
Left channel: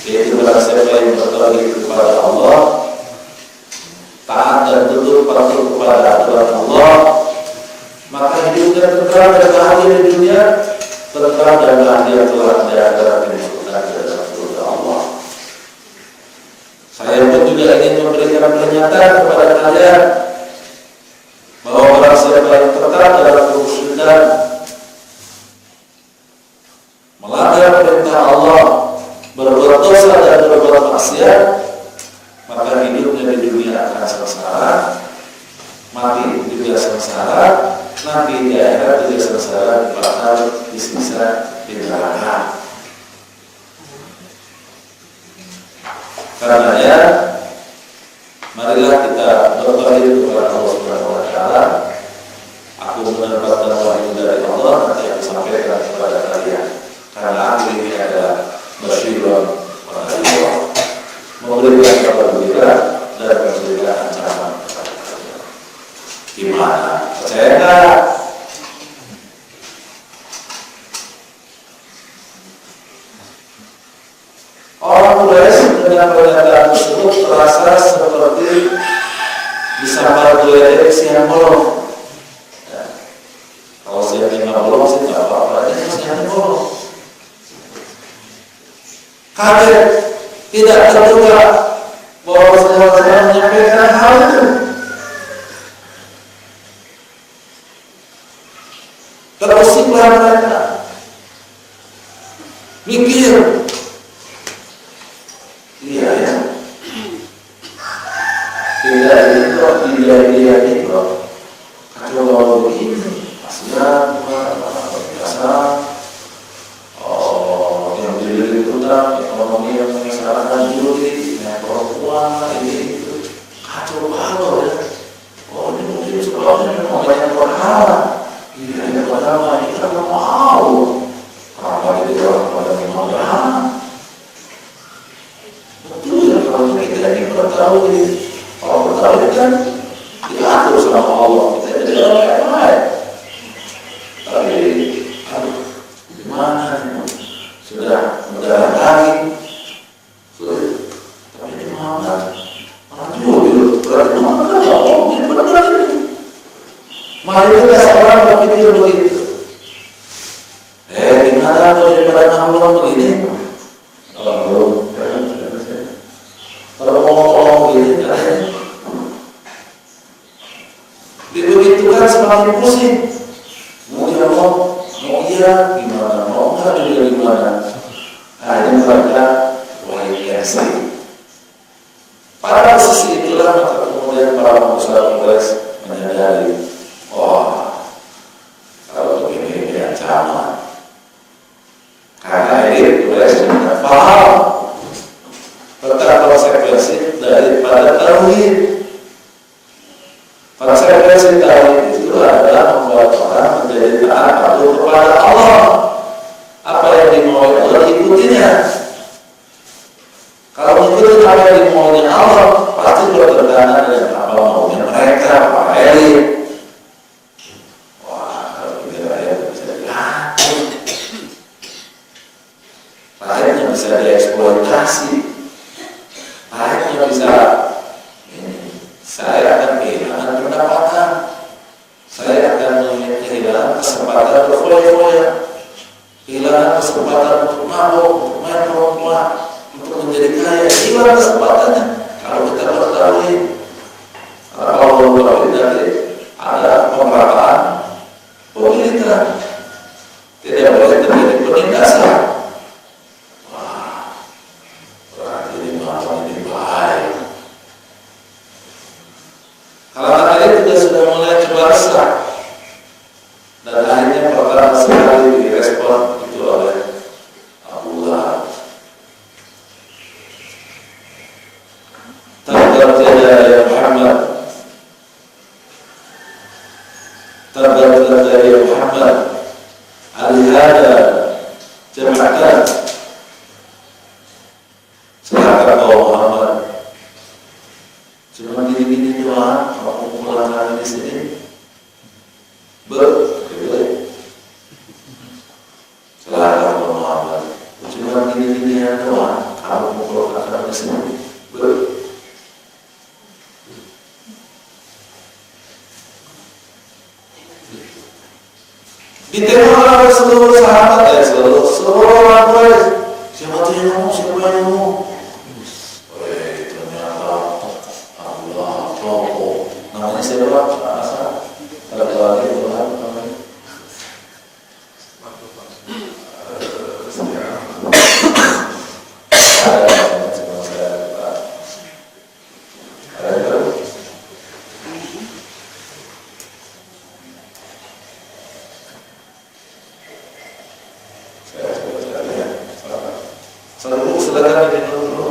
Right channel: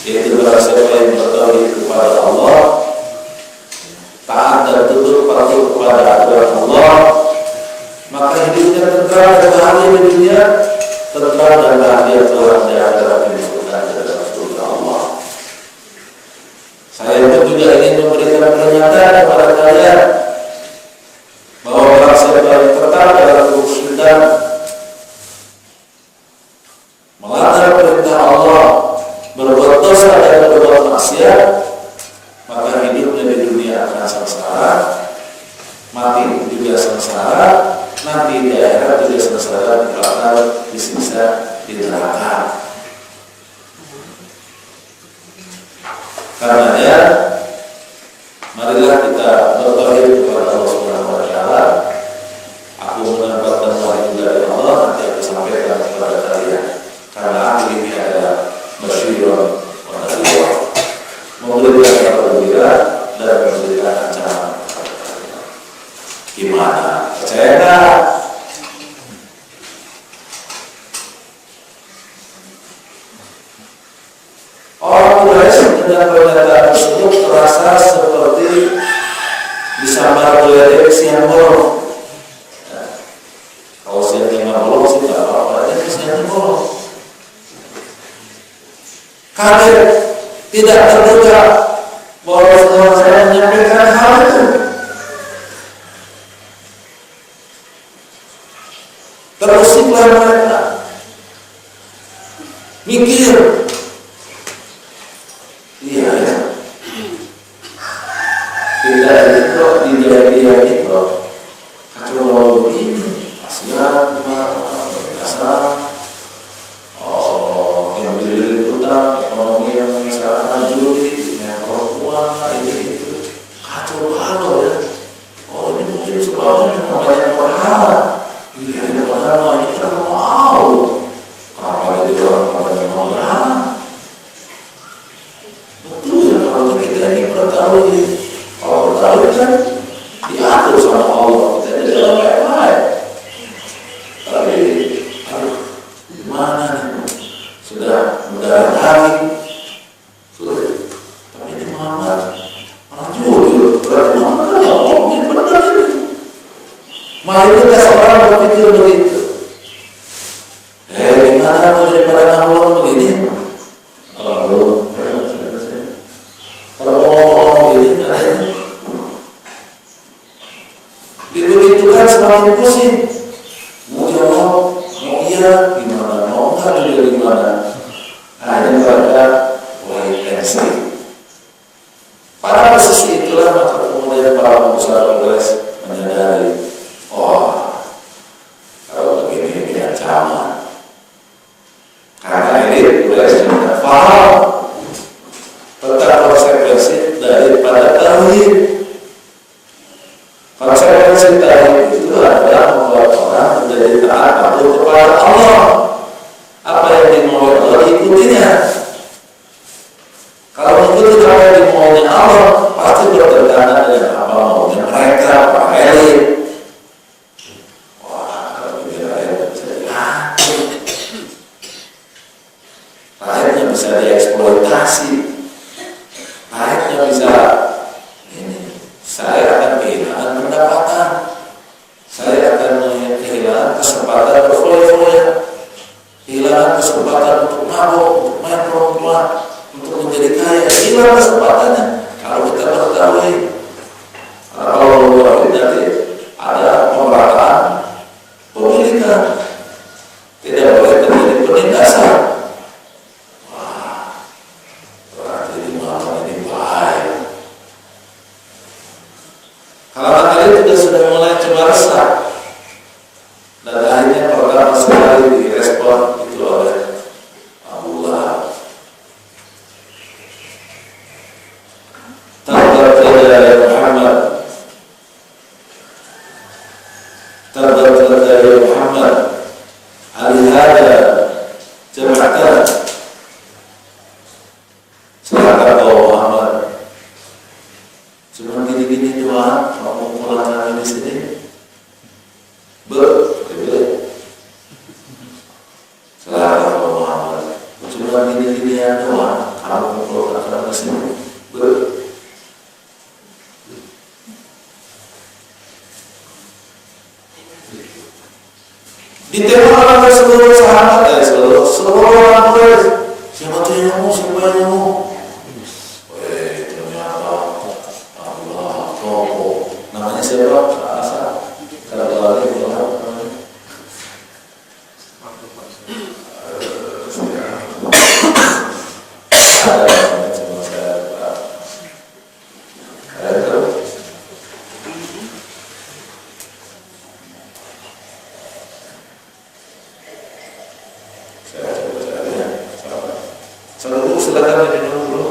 yaitu barang siapa yang bertauhid kepada Allah, taat dan tunduk patuh kepada aturan Allah, maka hidupnya tentram dan bahagia di dunia, tentram dan bahagia telah di akhirat dimasukkan ke dalam surga Allah. Saya pun juga ingin memberikan peringatan kepada kalian bahwa barang siapa yang tetap dalam kemusyrikan, melanggar perintah Allah, berbuat dosa dan berbuat maksiat, maka hidupnya di dunia akan sengsara, mati juga sengsara, nanti di akhirat juga sengsara, bakal disiksa di neraka. Karenanya, marilah kita bertauhid kepada Allah Subhanahu wa Ta'ala. Aku mendapatkan wahyu dari Allah, nanti aku sampaikan kepada kalian. Karena aku ini adalah basyirun wa nadhirun, memberikan kabar gembira dan memberikan ancaman kepada kalian. Gimana? Percaya enggak? Orang Quraisy dengan pernyataan tersebut terasa seperti disambar geledek siang bolong. Ya. Kalau siangnya nggak bolong sih nggak apa-apa, aja siangnya bolong. Kaget, tidak terduga bahwa saya menyampaikan hal itu. Terusiklah mereka mikir, iya ya, tidak itu tidak itu kacau balau begini, kasihan teman-teman dasar. Yang berdiri utang, ekonomi yang sangat maju, perempuan ini itu kacau balau ya. Ini mungkin sebabnya memang banyak berhala. Ini berhala ini kan mau. Kenapa jadi orang mau ya? Betul ya, kalau kita ini bertaruh, kalau bertaruh kan diatur sama Allah, kita jadi orang baik-baik. Tapi, gimana nih? Sudah mendarah daging, sudah. Tapi ini Muhammad orang jujur, berarti Muhammad kan ngomongin benar ini. Mayoritas orang berpikir begitu. Gimana mau daripada ngomong begini? Kalau ngomong begini katanya, begitu kan semakin pusing. Mau jawab, mau iya gimana, mau enggak juga gimana. Akhirnya mereka wait and see. Pada posisi itulah maka kemudian para pengusaha Quraisy menyadari, kalau begini ini ancaman. Karena ini Quraisy tidak paham tentang konsekuensi daripada tauhid. Konsekuensi tauhid itu adalah membuat orang menjadi taat patuh kepada Allah. Apa yang dimauin Allah diikutinya. Kalau mengikuti apa yang dimauinya Allah, pasti bertentangan dengan apa maunya mereka, para elit. Wah, kalau begini rakyat bisa diatur, rakyatnya bisa dieksploitasi, rakyatnya bisa ini. Saya akan kehilangan pendapatan, saya akan kehilangan kesempatan berfoya-foya, kehilangan kesempatan untuk mabuk, untuk main perempuan, untuk menjadi kaya, hilang kesempatannya kalau kita bertauhid. Karena kalau bertauhid nanti ada pemerataan pemilikan, tidak boleh terjadi penindasan. Wah, berarti di mana ini bahaya. Kalau kalian juga sudah mulai coba resah, dan akhirnya pertama sekali direspon itu oleh Abu Lahab. Kita mengalami seluruh sahabat, seluruh orang Quraisy. Siapa tuh yang ngomong? Siapa yang ngomong? Ternyata Allah tokoh. Namanya siapa? Asal. Kalau lagi silakan diminum dulu.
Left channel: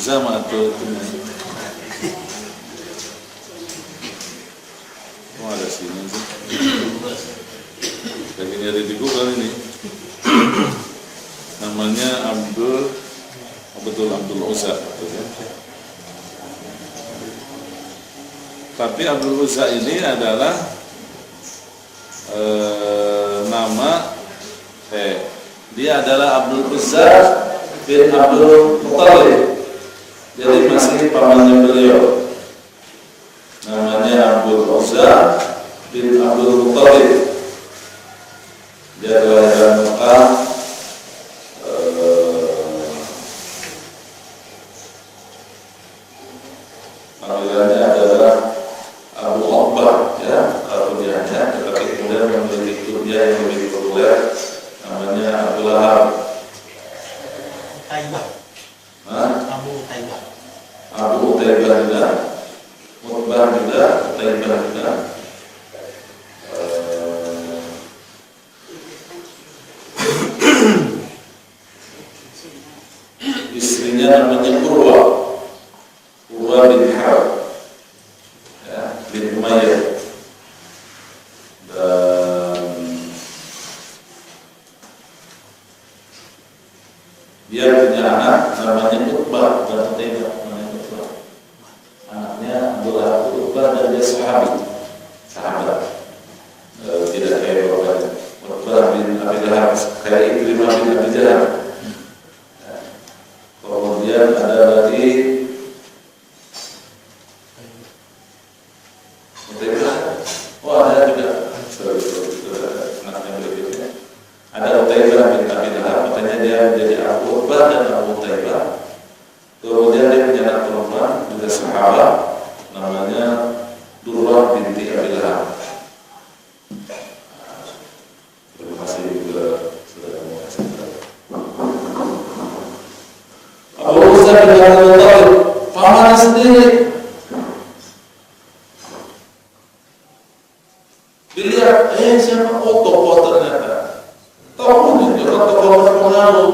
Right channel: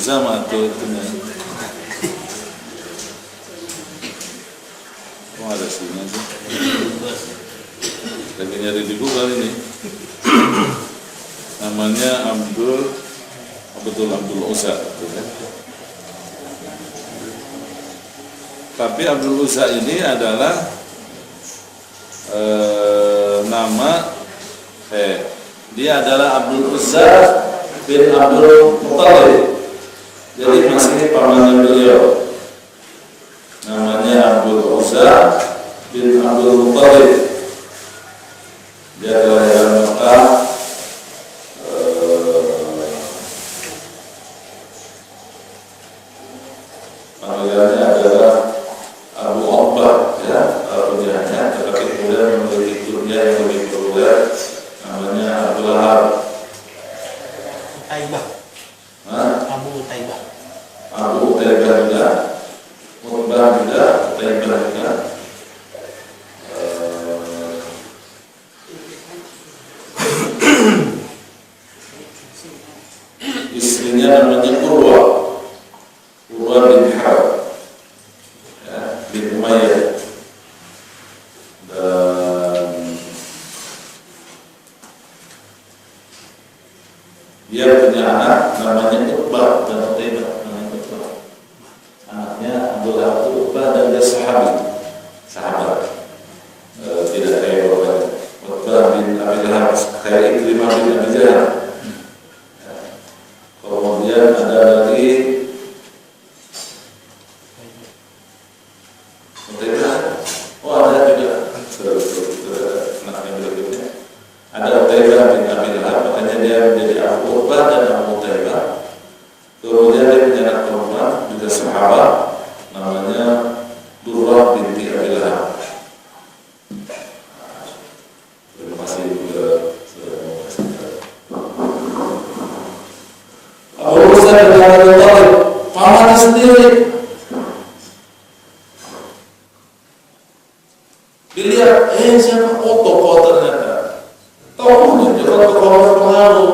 Sama tuh itu kok ada sini sih lagi nyari di Google ini namanya Abdul Uzza tapi Abdul Uzza ini adalah dia adalah Abdul Uzza bin Abdul Muttalib. Jadi masih pamannya beliau. Namanya Abdul Uzza bin Abdul Muttalib. Dia kelahiran Mekah panggilannya adalah Abu Uqbah ya, alkunyahnya, tetapi kemudian memiliki kunyah yang lebih populer namanya Abu Lahab. Abu Utaibah juga, Utbah juga, Utaibah juga. Istrinya namanya Urwa bin Harb, ya, bin Umayyah. Dan dia punya anak namanya Utbah dan Utaibah. Anaknya Abu Lahab Utbah dan dia sahabat, tidak kayak bapaknya. Utbah bin Abi Lahab kayak Ikrimah bin Abi Jahal. Kemudian ada lagi Utaibah. Oh ada juga anaknya berikutnya. Ada Utaibah bin Abi Lahab, makanya dia menjadi Abu Utbah dan Abu Utaibah. Kemudian dia punya anak perempuan juga sahabat namanya Durrah binti Abi Lahab. Terima kasih juga Abu Uzza bin Abdul Muttalib, pamannya sendiri. Dilihat, siapa? Oh, tokoh ternyata. Tokohnya juga tokoh berpengaruh.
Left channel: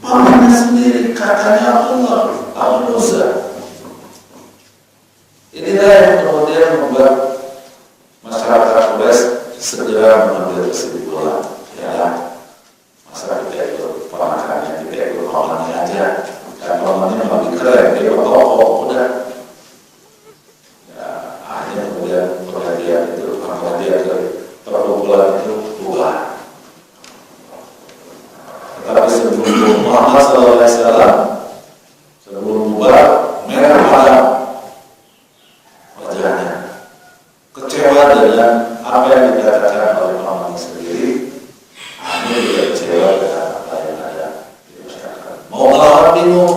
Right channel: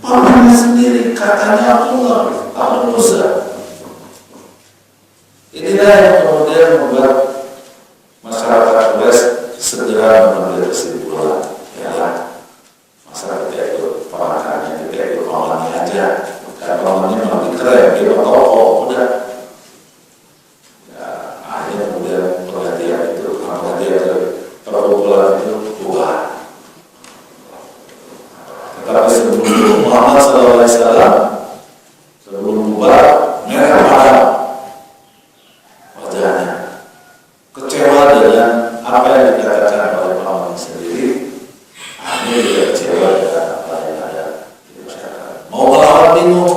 Pamannya sendiri, katanya Abu Uzza. Inilah yang kemudian membuat masyarakat Quraisy segera mengambil kesimpulan, ya, masa kita ikut ponakannya, kita ikut pamannya aja, karena pamannya lebih keren, dia bertokoh, udah. Ya, akhirnya kemudian pengajian itu, perkumpulan itu bubar. Tetapi sebelum Muhammad SAW, sebelum bubar, merah padam wajahnya, kecewa dengan apa yang dikatakan oleh pamannya sendiri. Akhirnya dia kecewa dengan apa yang ada di masyarakat. Mau melawan bingung,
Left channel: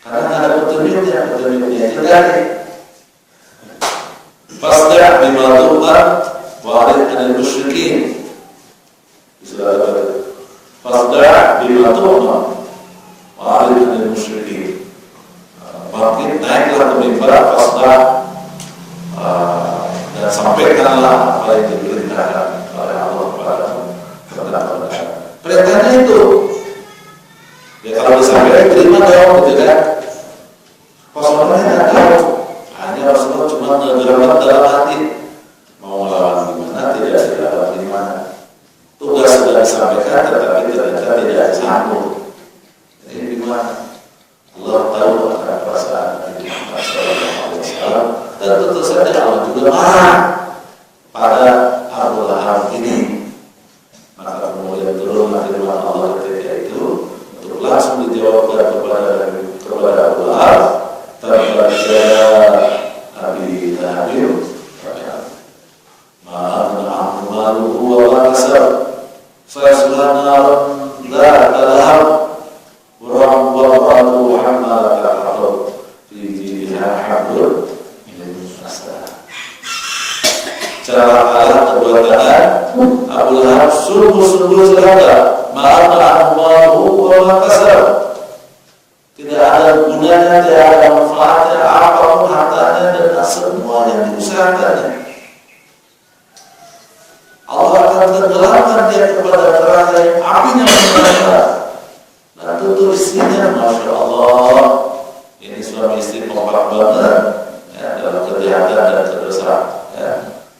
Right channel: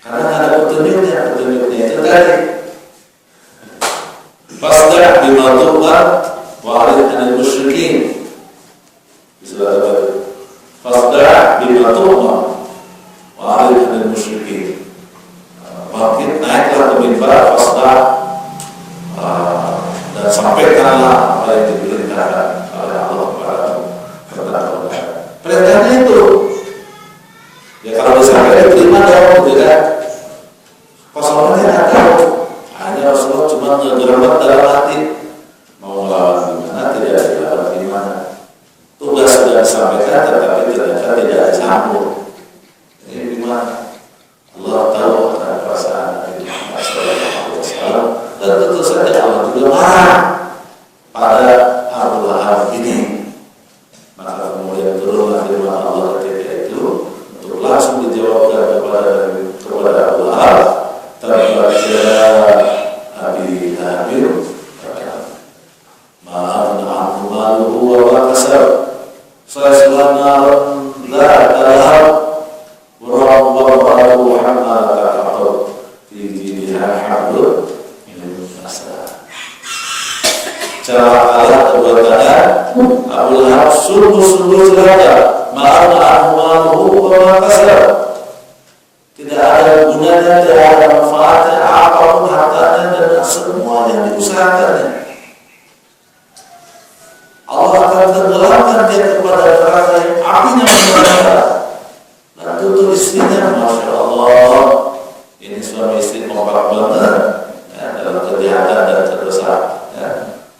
karena nggak ada petunjuknya itu tadi. Fasda' bima tu'mar wa 'arid 'anil kalimatullah wa'arid anil musyrikin. Bangkit, naiklah ke mimbar, fasdah, dan sampaikanlah apa yang diperintahkan oleh Allah kepada mereka. Perintahnya itu, ya kalau disampaikan terima dong, gitu kan? Kosongnya tidak tahu, hanya Rasulullah cuma ngegeramat dalam hati, mau melawan gimana, tidak dilawan gimana. Tugas sudah disampaikan, tetapi ternyata tidak disambung. Ini gimana? Allah tahu akan perasaan Nabi Muhammad SAW, dan tentu saja Allah juga marah pada Abu Lahab ini. Maka kemudian turunlah firman Allah ketika itu untuk langsung dijawabkan kepada Abu Lahab, tabbatsya abi Lahab ma aghna anhu maluhu wa ma kasab sayasla naran dzata lahab wa ra'ahu hammalat al-hatab fi jidha hablum min masad. Cara Allah kedua tangan Abu Lahab sungguh-sungguh celaka, ma aghna anhu maluhu wa ma kasab. Tidak ada gunanya, tidak ada manfaatnya apapun hartanya dan semua yang diusahakannya. Allah akan tenggelamkan dia kepada neraka yang apinya membara. Dan tentu istrinya, masya Allah, ini suami istri kompak banget ya, dalam kejahatan dan kedosaan. Ya.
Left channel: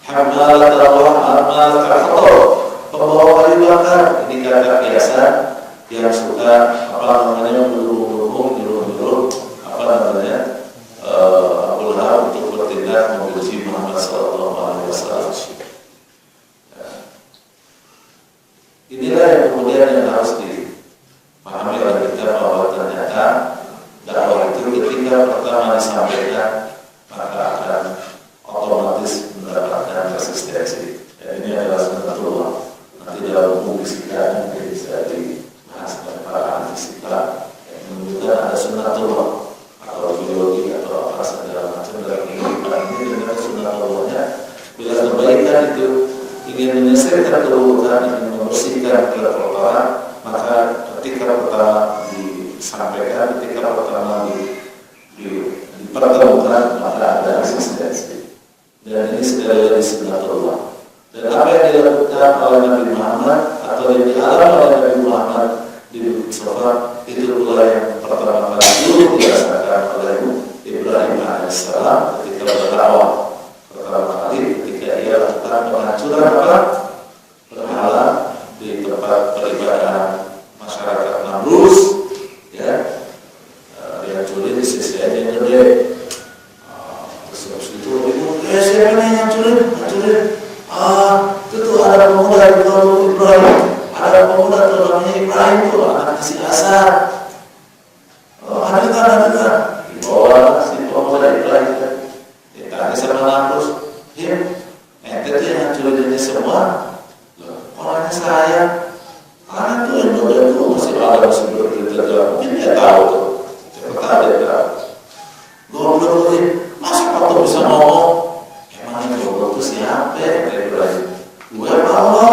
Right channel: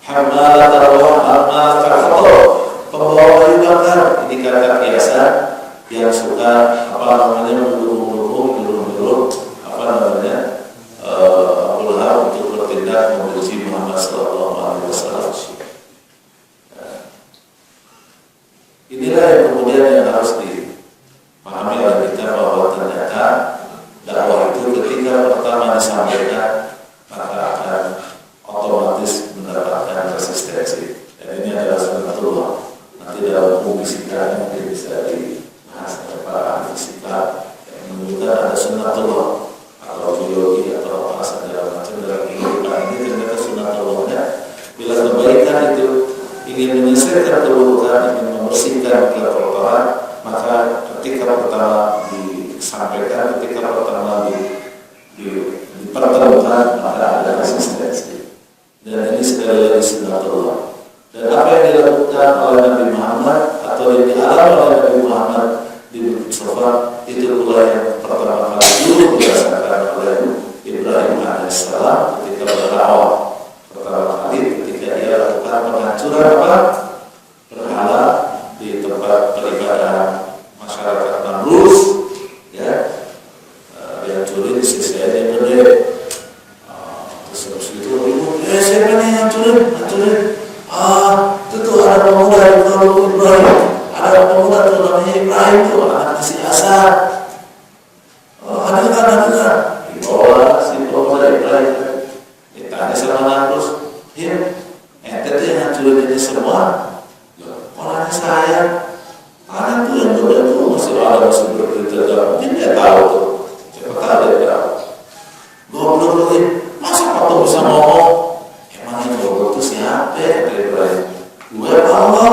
Hammalat al-hatab, pembawa kayu bakar. Ini kata biasa yang suka mendukung Abu Lahab untuk bertindak membenci Muhammad SAW. Inilah yang kemudian yang harus dipahami oleh kita, bahwa ternyata dakwah itu ketika pertama disampaikan maka akan otomatis mendapatkan resistensi. Dan ini adalah sunnatullah. Nanti dalam buku fisika mungkin bisa dibahas oleh para ahli fisika yang menunjukkan ada sunnatullah atau biologi atau apa segala macam dalam kehidupan ini. Ternyata sunnatullahnya bila kebaikan itu ingin menyelesaikan keburukan, ingin membersihkan kekotoran, maka ketika pertama disampaikan, ketika pertama dipertemukan, maka ada resistensi. Dan ini sekali lagi sunnatullah. Dan apa yang dilakukan oleh Nabi Muhammad atau yang dialami oleh Nabi Muhammad di Bukit Safa, itu pula yang pertama kali dulu dirasakan oleh Ibrahim alaihissalam ketika berdakwah pertama kali, ketika dia lakukan penghancuran berhala di tempat peribadahan masyarakat Nablus, ya, dihancurin di sisi yang gede. Terus habis itu ribut, siapa nih hancurin? Itu tuh ada pemuda yang bernama Ibrahim, ada pemuda tuh namanya Ibrahim tuh, anak si Asar. Ada kan? Dibawa si pemuda Ibrahim, ditanya sama Nablus, ente tuh yang hancurin ini semua. Orangnya saya, anak tuh yang muda tuh masih bercerita, mungkin dia tahu tuh, siapa tahu dia tahu. Goblok ini, masa patung bisa ngomong? Emangnya goblok itu siapa ya? Ibrahim, gue apa Allah?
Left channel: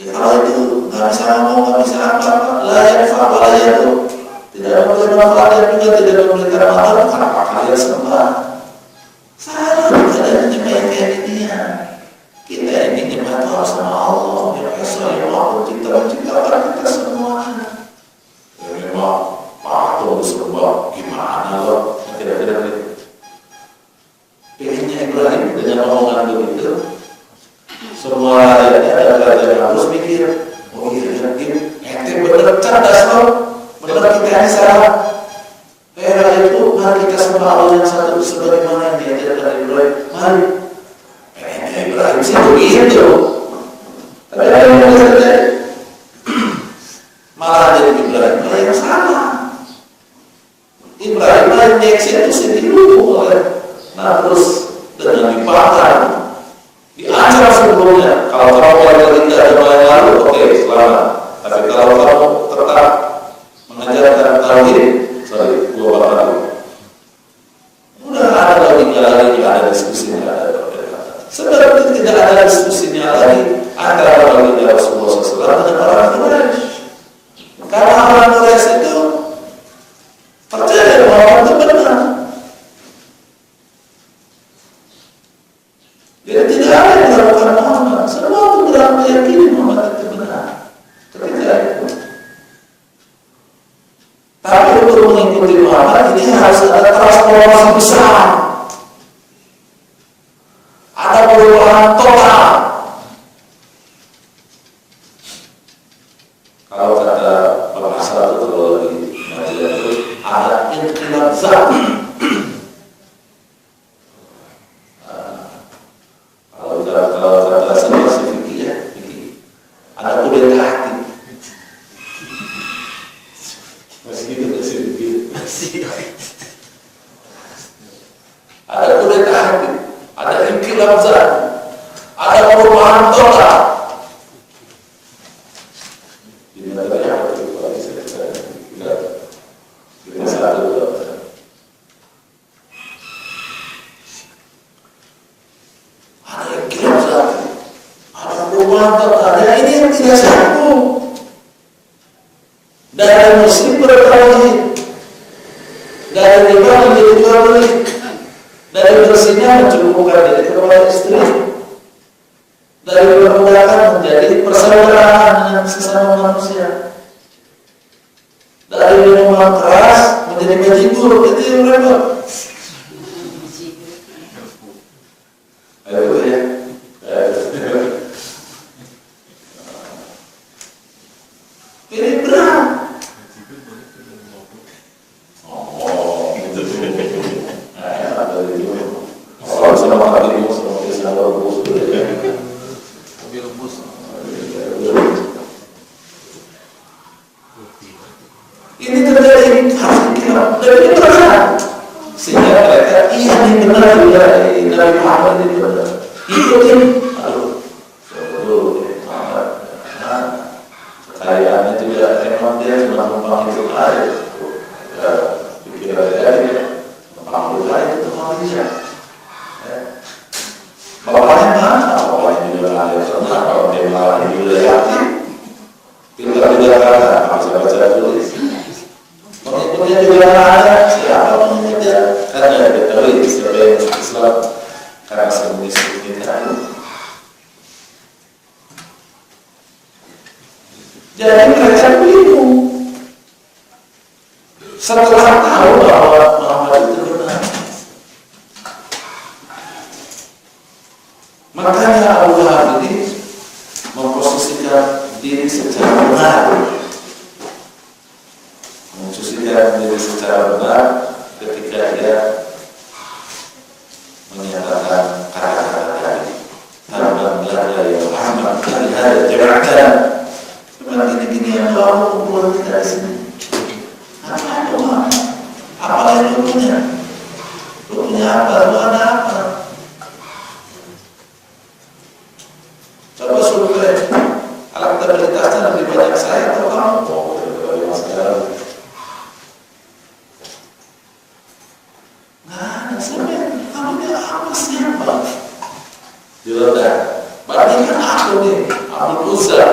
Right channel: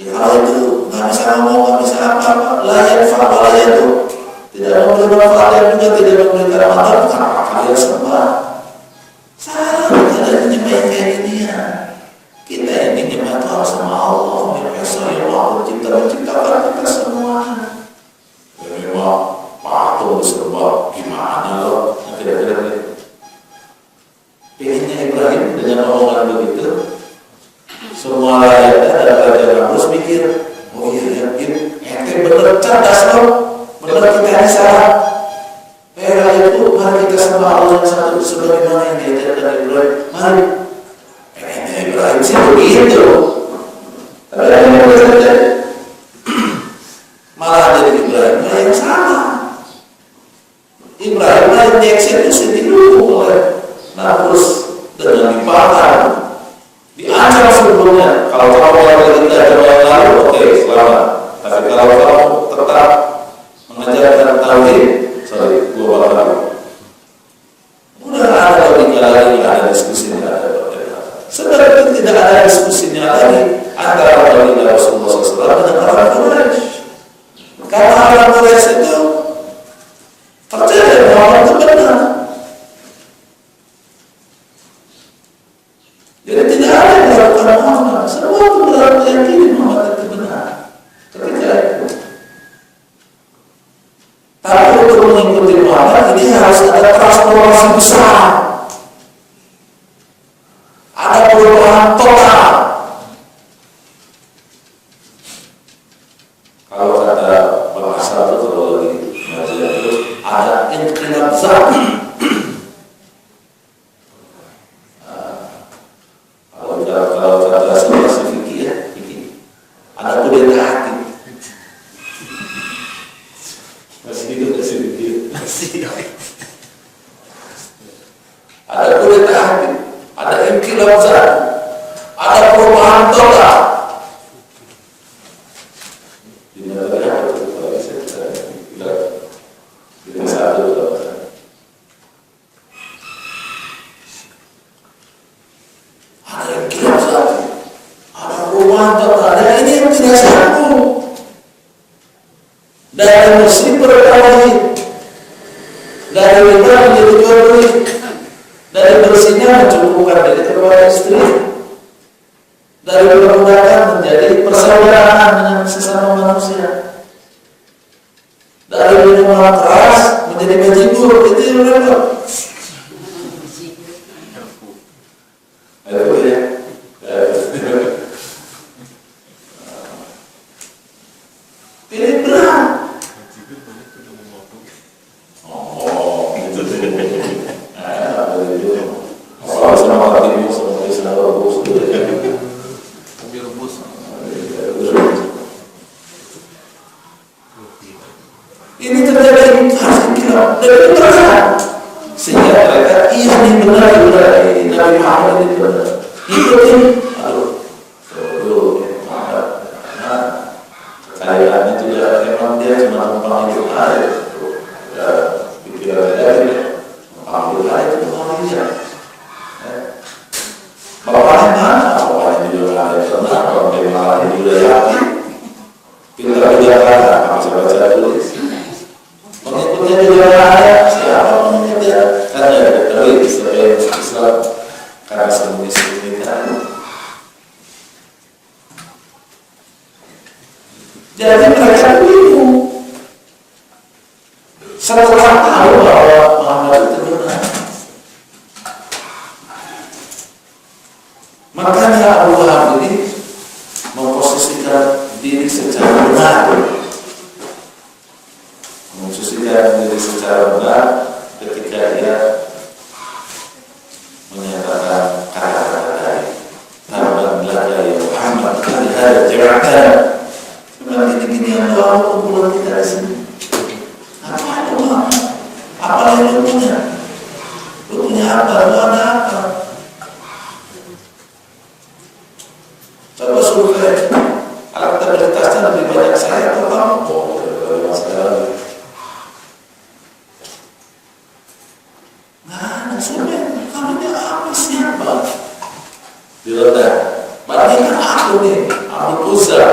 Ya kalau itu nggak bisa ngomong, nggak bisa apa-apa, layak fakwa layak tuh, tidak memberi manfaat yang juga tidak memberikan manfaat, kenapa kalian sembah? Salah, kita ada nyembah kayak gini ya. Kita ini nyembah itu harus sama Allah, yang Esa yang maha menciptakan kita semuanya. Memang patung disembah, gimana loh? Kira-kira gitu. Pengennya Ibrahim dengan omongan begitu, semua rakyatnya dan raja Nablus mikir, oh iya, ente bener cerdas loh, bener kita ini salah. Rakyat itu, mari kita sembah Allah yang satu sebagaimana yang diajarkan Ibrahim. Mari. Pengennya Ibrahim sih begitu, tapi ada yang terjadi. Malah jadi Ibrahim yang salah. Ibrahim yang dieksekusi dulu oleh Nablus dengan dipatah, diancam sebelumnya. Kalau kamu yang tidak ada yang lalu, oke, selamat. Tapi kalau kamu tetap mengajarkan tauhid, gua bakal dulu. Udah ada logika lagi, nggak ada diskusi, nggak ada perdebatan. Sebenarnya tidak ada diskusinya lagi antara baginda Rasulullah SAW dengan orang Quraisy. transformasi besar, ada perubahan total. Kalau kata bahasa itu kalau lagi ngaji itu ada inqilab zat. Kalau kata situasi fikih ya, ada kudeta hati. Ada kudeta hati, ada inqilab zat, ada perubahan total. Di mana ada perubahan kita satu. Ada inqilab zat, ada perubahan total. Dan ini yang tidak satu. Dari muslim berkali, dari riba menjadi jual beli, dari bersihnya mencukupkan diri kepada istri, dari perbudakan menjadi persaudaraan dengan sesama manusia, dari minuman keras menjadi bajigur. Itu yang repot. Ayo ya. Pilih berat. Ini terjadi harus dikira dan ini terasa sehingga mereka ini benar dari Nabi Muhammad ini benar ikutin. Kekayaannya tidak memang dia cuma numpang itu aja ya, pikiran dia numpang itu aja itu manusia. Bapaknya mana? Bapaknya juga nggak ada pernah. Kalau dia malah juga hati pintar juga kan bisa baca tulis. Pengikutnya juga ada siapa pengikutnya? Kan ya diketahui siapa yang Islam karena semuanya kita. Jadi mereka bingung. Setelah tahu bahwa Muhammad itu benar, makanya Abu Lahab ini memposisikan diri secara benar. Memposisikan diri secara benar ketika dia menyatakan kata-kata tadi. Tabban laka ya Muhammad, kali hada jama'atan. Memang gini-gini yang doa kumpulan kita di sini. Apa doa? Apa yang lu punya? Lu punya apa? Lu ada apa? Coba survei. Elektabilitasnya lebih banyak saya atau kamu? Nah, sampai kamu ini apa siapa? Diletak. Bandingkan aku nih, Abdul Uzza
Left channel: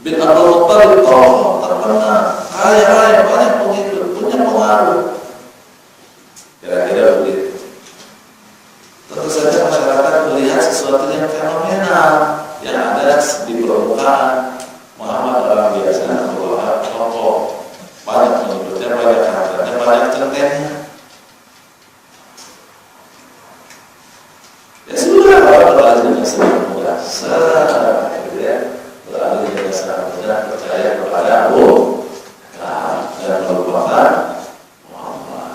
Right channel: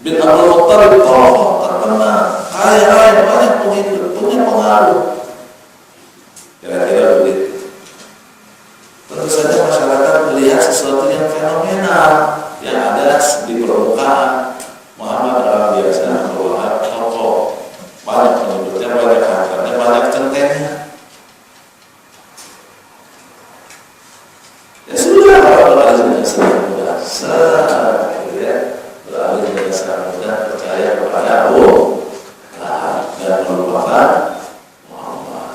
bin Abdul Muttalib, tokoh terkenal, kaya raya, banyak pengikut, punya pengaruh. Kira-kira begitu. Tentu saja masyarakat melihat sesuatu yang fenomenal yang ada di permukaan. Muhammad orang biasa, Muhammad tokoh, banyak pengikutnya, banyak hartanya, banyak centengnya. Ya sudah, beralih dengan sangat mudah. Beralih dengan sangat mudah percaya kepada Allah dan melupakan Muhammad.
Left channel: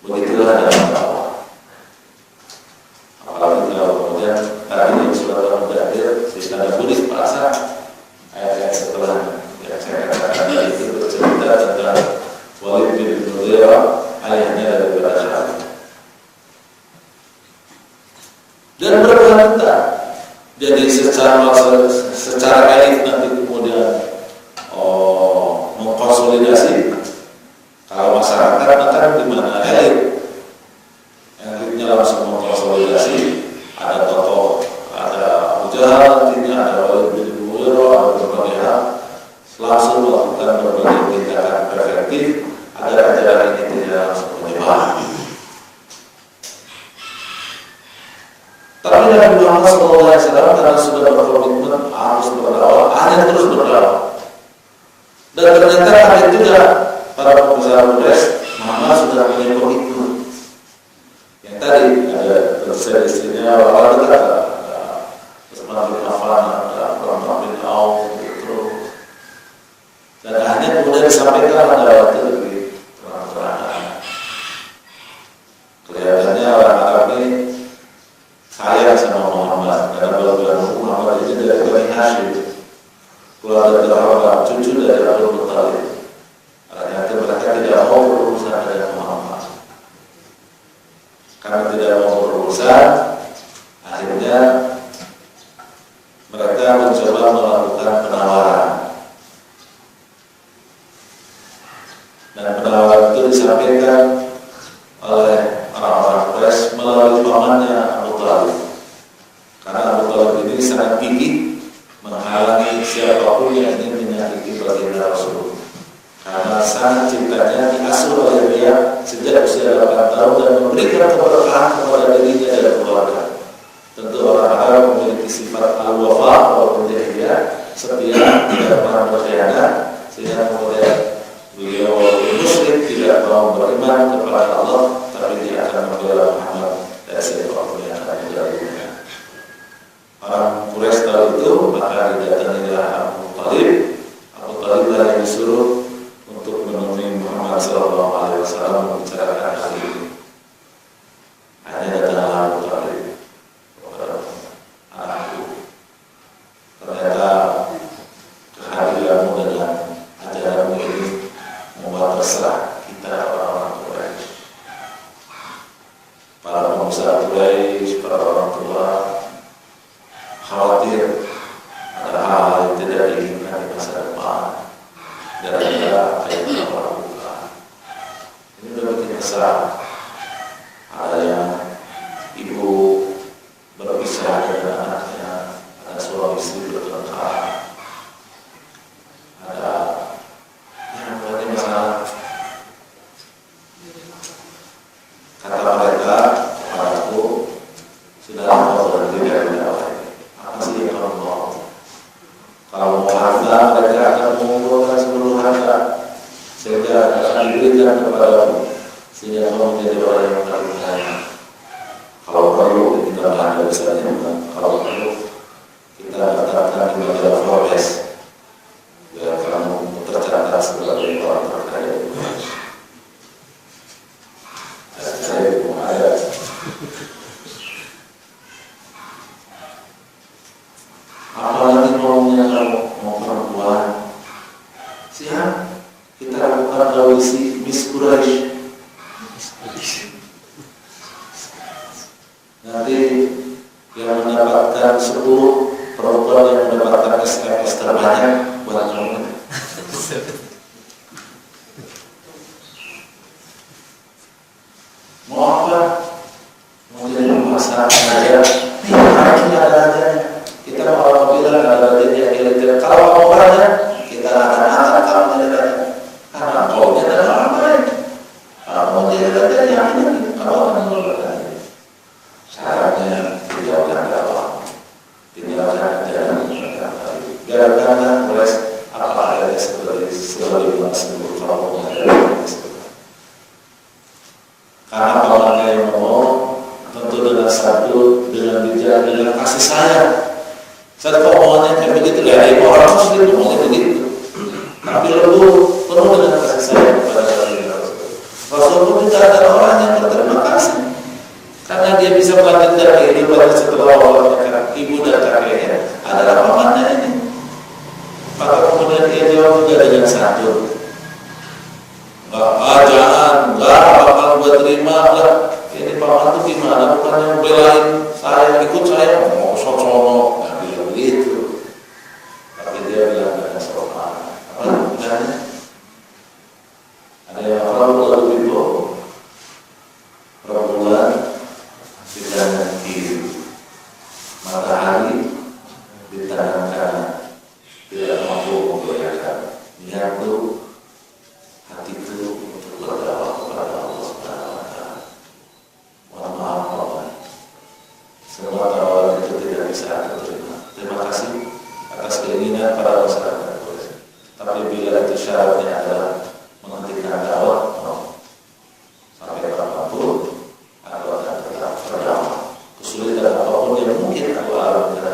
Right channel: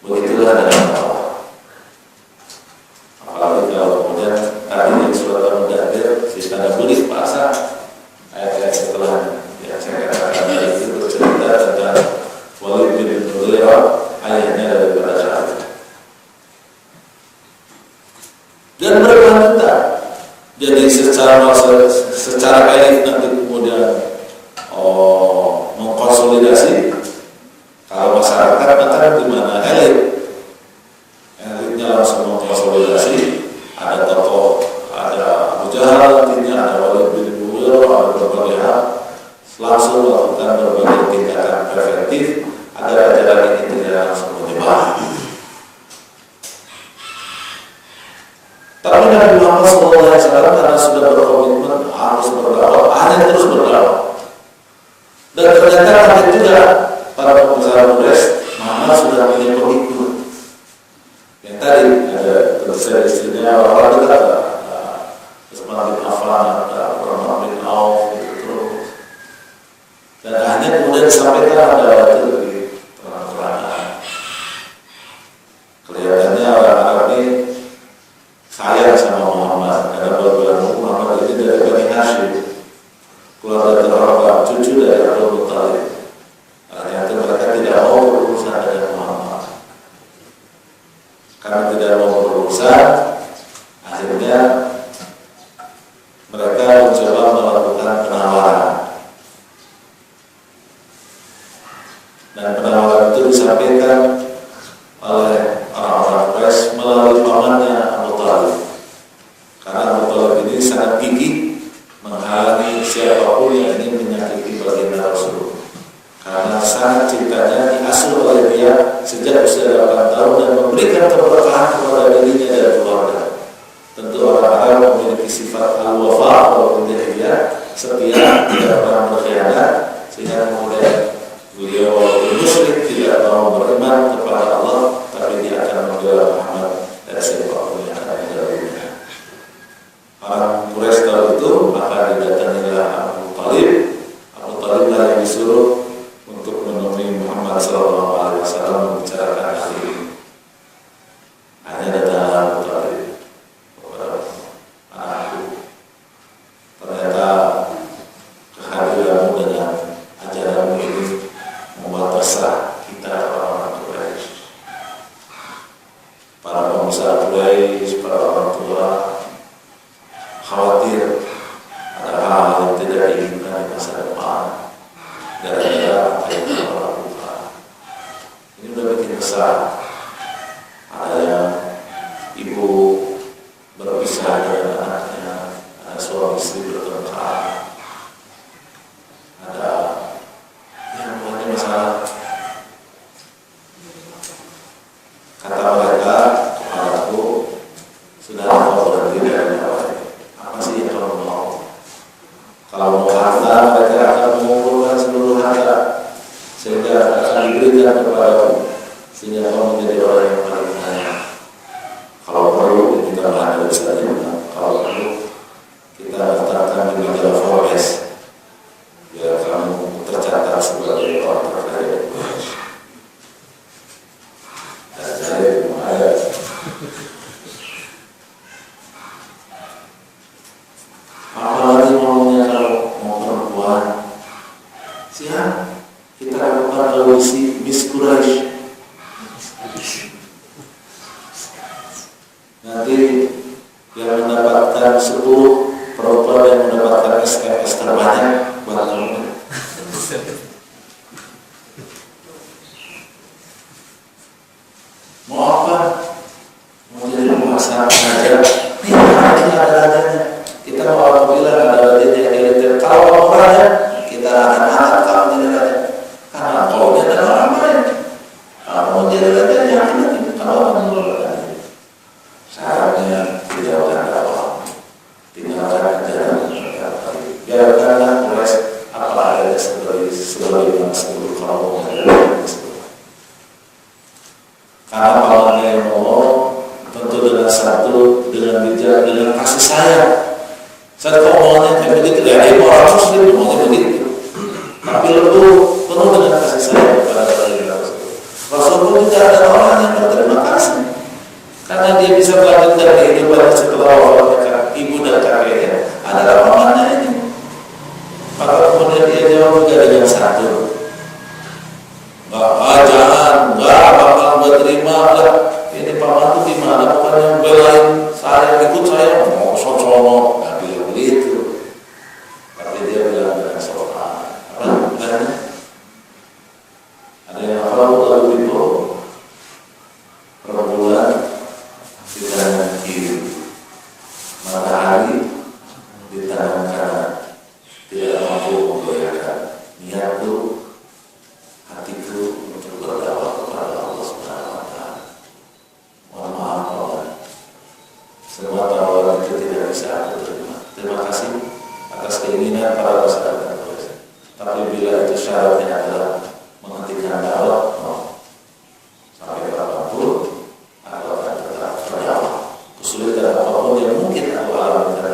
Begitulah dalam dakwah. Apalagi kalau kemudian tadi di surat Al-Mudaththir si tanda bulis bahasa ayat-ayat setelahnya yang saya katakan itu bercerita tentang Walid bin Mughirah, ayahnya daripada Syahid. Dan berkelanjutan. Jadi secara elit nanti kemudian mengkonsolidasi. Kalau masyarakat maka di mana elit? Elitnya langsung mengkonsolidasi. Ada tokoh, ada Abu Jahal, nantinya ada Walid bin Mughirah, ada berbagai hal. Langsung melakukan berbagai tindakan preventif agar ajaran ini tidak langsung menyebar. Tapi Nabi Muhammad SAW karena sudah berkomitmen harus berdakwah, hanya terus berdakwah. Dan ternyata kaget juga para karena berbilang Muhammad ini dari Bani Hashim, keluarga terhormat, cucu dari Abdul Muttalib. Ternyata mereka tidak mau berurusan dengan Muhammad. Karena tidak mau berurusan, akhirnya mereka mencoba melakukan penawaran. Dan penawaran itu disampaikan oleh orang-orang Quraisy melalui pamannya Abu Thalib. Karena Abu Thalib ini sangat gigih menghalangi siapapun yang ingin menyakiti baginda Rasul. Karena sangat cintanya diasuh oleh dia sejak usia 8 tahun dan memberikan keberkahan kepada dirinya dan keluarga. Tentu orang Arab memiliki sifat al-wafa walaupun dia setia, tidak pernah berkhianat, sehingga kemudian beliau walaupun musyrik tidak mau beriman kepada Allah, tapi dia akan membela Muhammad dan siapapun yang akan membelanya. Orang Quraisy tahu itu, maka didatangilah Abu Thalib. Abu Thalib lah yang disuruh untuk menemui Muhammad SAW membicarakan hal ini. Hanya datang Abu Thalib kepada anakku. Ternyata kehadiranmu dengan ajaranmu ini membuat resah kita orang-orang Quraisy. Para pengusaha Quraisy, para orang tua khawatir ada hal yang tidak diinginkan di masa depan gara-gara apa yang kita lakukan. Ini udah bikin resah. Ada yang ibu berpisah dengan anaknya, ada suami istri bertengkar, ada yang berarti masalah. Kata mereka kepadaku, saudara kau berhenti dari dakwah. Apa sih yang kamu mau? Kalau mau harta, mereka akan mengumpulkan seluruh harta sehingga akan diberikan kepadamu, sehingga kamu menjadi orang yang paling kaya. Kalau perlu kita belanja saja, kalau perlu kita letakkan di majalah Forbes biar kamu tercatat sebagai orang terkaya di Indonesia. Dan saya belum ada. Apalagi ngomongnya kalau mau perempuan, siap kita lakukan audisi Miss Quraisy. Nanti yang mendapatkan 10 perempuan yang mendapatkan SMS terbanyak buat kamu. Mau apa? Mau jadi pemasaran aja? Nih, ada harganya. Kita mau apabila ada badannya militer. Kalau mau berada, kita akan angkat kamu jadi raja. Karena kau nya adalah orang lain. Kalau mau jadi raja, yakin nanti kamu akan mengeluarkan. Syaratnya tinggalkan dakwah, tinggalkan ajaran yang baik. Biarkanlah Quraisy apa adanya sebagai sebelum kamu karena pamannya yang ngomong tentu dengan satu, dengan bijak, dengan kasih sayang. Saat kau omongannya kayak begitu, ya orang muslim ngomongnya begitu, tapi lembut, penuh dengan kasih sayang kepada Rasul pun juga ada orang yang berterima kasih karena dia bisa melanjutkan kehidupannya setelah wafatnya ibu dan kakeknya adalah pamannya ini. Maka kemudian dia jawab juga dengan santun. Jangan, bakal gue terima lah. Ini paman tuh gimana? Bukan yang belain saya, ikut saya mau sono, nggak bilang begitu. Tapi dia bilang dengan sopan. Apa bilangnya? Ada yang hafal lalu bimbau. Rembulan di tangan kiri, matahari di tangan kanan. Tidak mampu membayarkan niatku, hatiku untuk berdakwah kepada Allah Subhanahu wa Ta'ala. Mohon maaf kawan, semua tawaran itu tidak bisa aku terima. Terima kasih atas keinginan para masyarakat. Tapi bila itu syaratnya adalah menghentikan dakwah, sampai kapanpun aku akan tetap berdakwah. Kesulitan apapun yang mungkin aku alami karena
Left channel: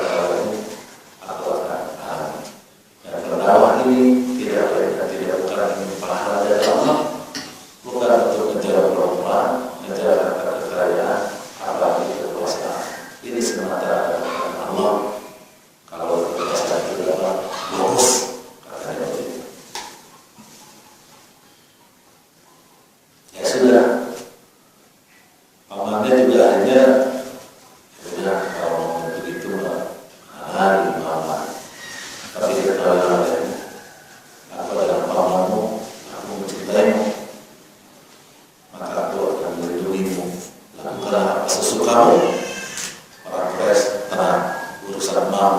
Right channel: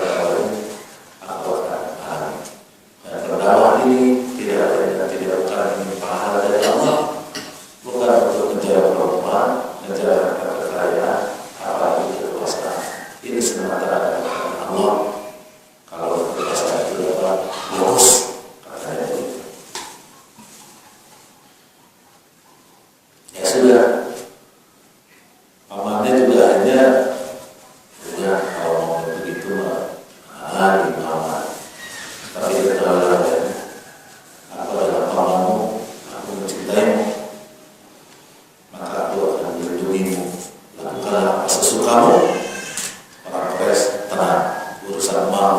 urusan uang.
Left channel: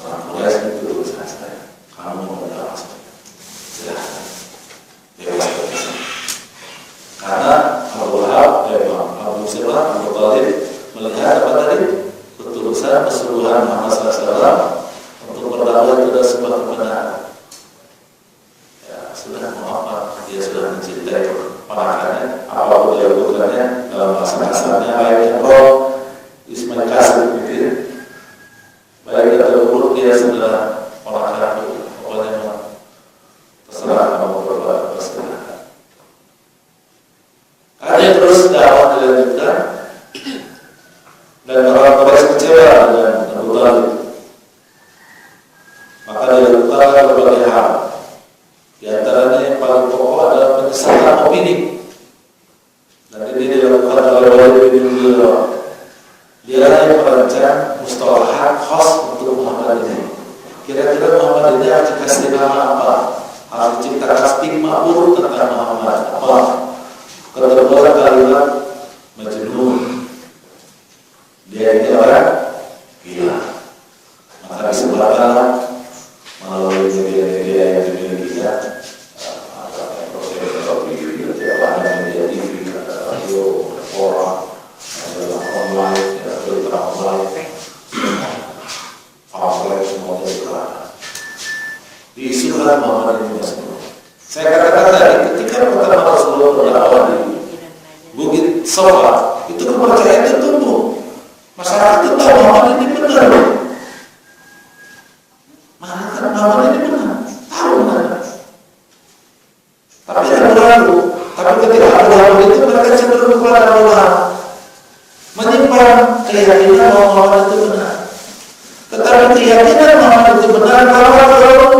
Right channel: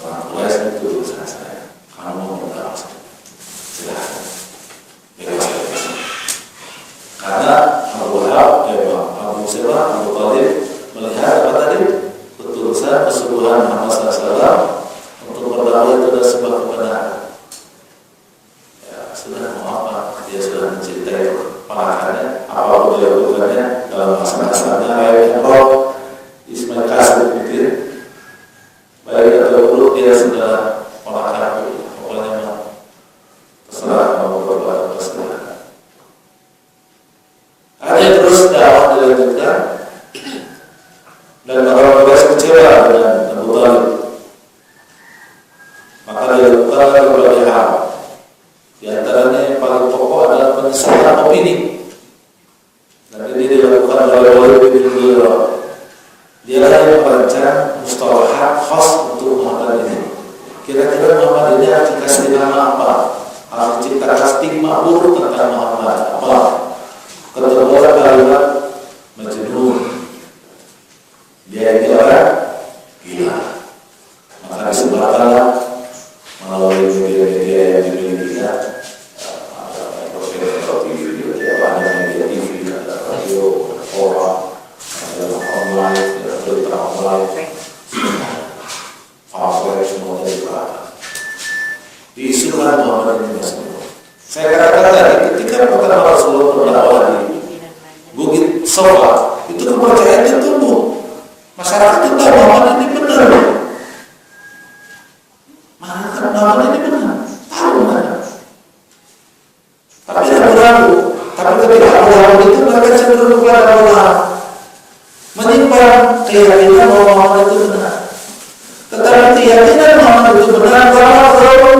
Orang Quraisy itu urusan saya. Kamu mau berdakwah saja, silahkan, bebas. Karena Abu Talib melihat apa tadi? Ketulusan kesungguhan Muhammad SAW untuk berdakwah itu adalah sebuah kebenaran. Ya, sudah mau apa? Dia sudah mencintai ponakannya, apapun dia lakukannya dalam bahasa-bahasanya baik roh Ismail Qasim gitu. Baik atau buruk dia sudah ponakan itu, pokoknya terserah kamu berbuat berserah. Ada terus dakwah dilanjutkan dan orang Quraisy kecewa dengan Abu Talib. Maka dilakukan berbagai hal. Di antaranya yang paling pokok adalah penyesatan opini. Dan ini dilakukan oleh Walid bin Mughirah. Dia yang merancang mustalahat khas untuk Muhammad ini. Kira-kira Muhammad ini harus dikasih nama apa? Harus diciptakan stigma buruk tentang Muhammad. Apa? Kedua kalimat Majnun. Dia ini orang gila. Maka disebarkanlah melalui media-media yang dimilikinya, media TV, radio, forum, online, berita online, pamflet semuanya digerakkan. Diisukan Muhammad ini Majnun. Saya katakan tadi, ketika pertama Rasulullah berdakwah di Bukit Safa, itu kepercayaannya tumbuh. Masyarakat itu tahu Muhammad ini benar. Masyarakat Muhammad ini benar, tahu benar. Tapi ragu-ragu. Tapi ketika ragu-ragu itu mereka cenderung kepada Allah, menyimpan keyakinan bahwa Muhammad itu benar. Tetapi keyakinan Muhammad itu benar kalau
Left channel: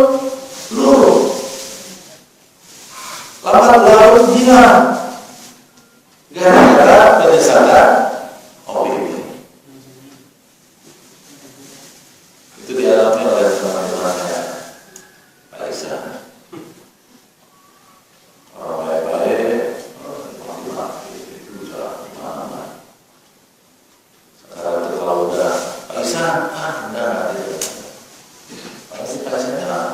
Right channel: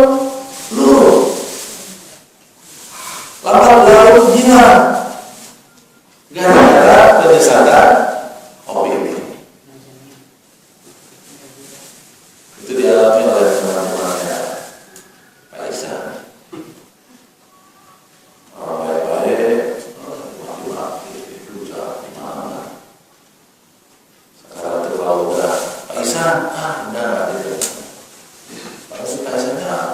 luruh. Lama-lama hilang gara-gara penyesatan opini. Itu dialami oleh teman-temannya Pak Isa. Orang baik-baik, maki-maki, itu jalan mana. Sekarang itu kalau udah Pak Isa, enggak ada. Pak Isa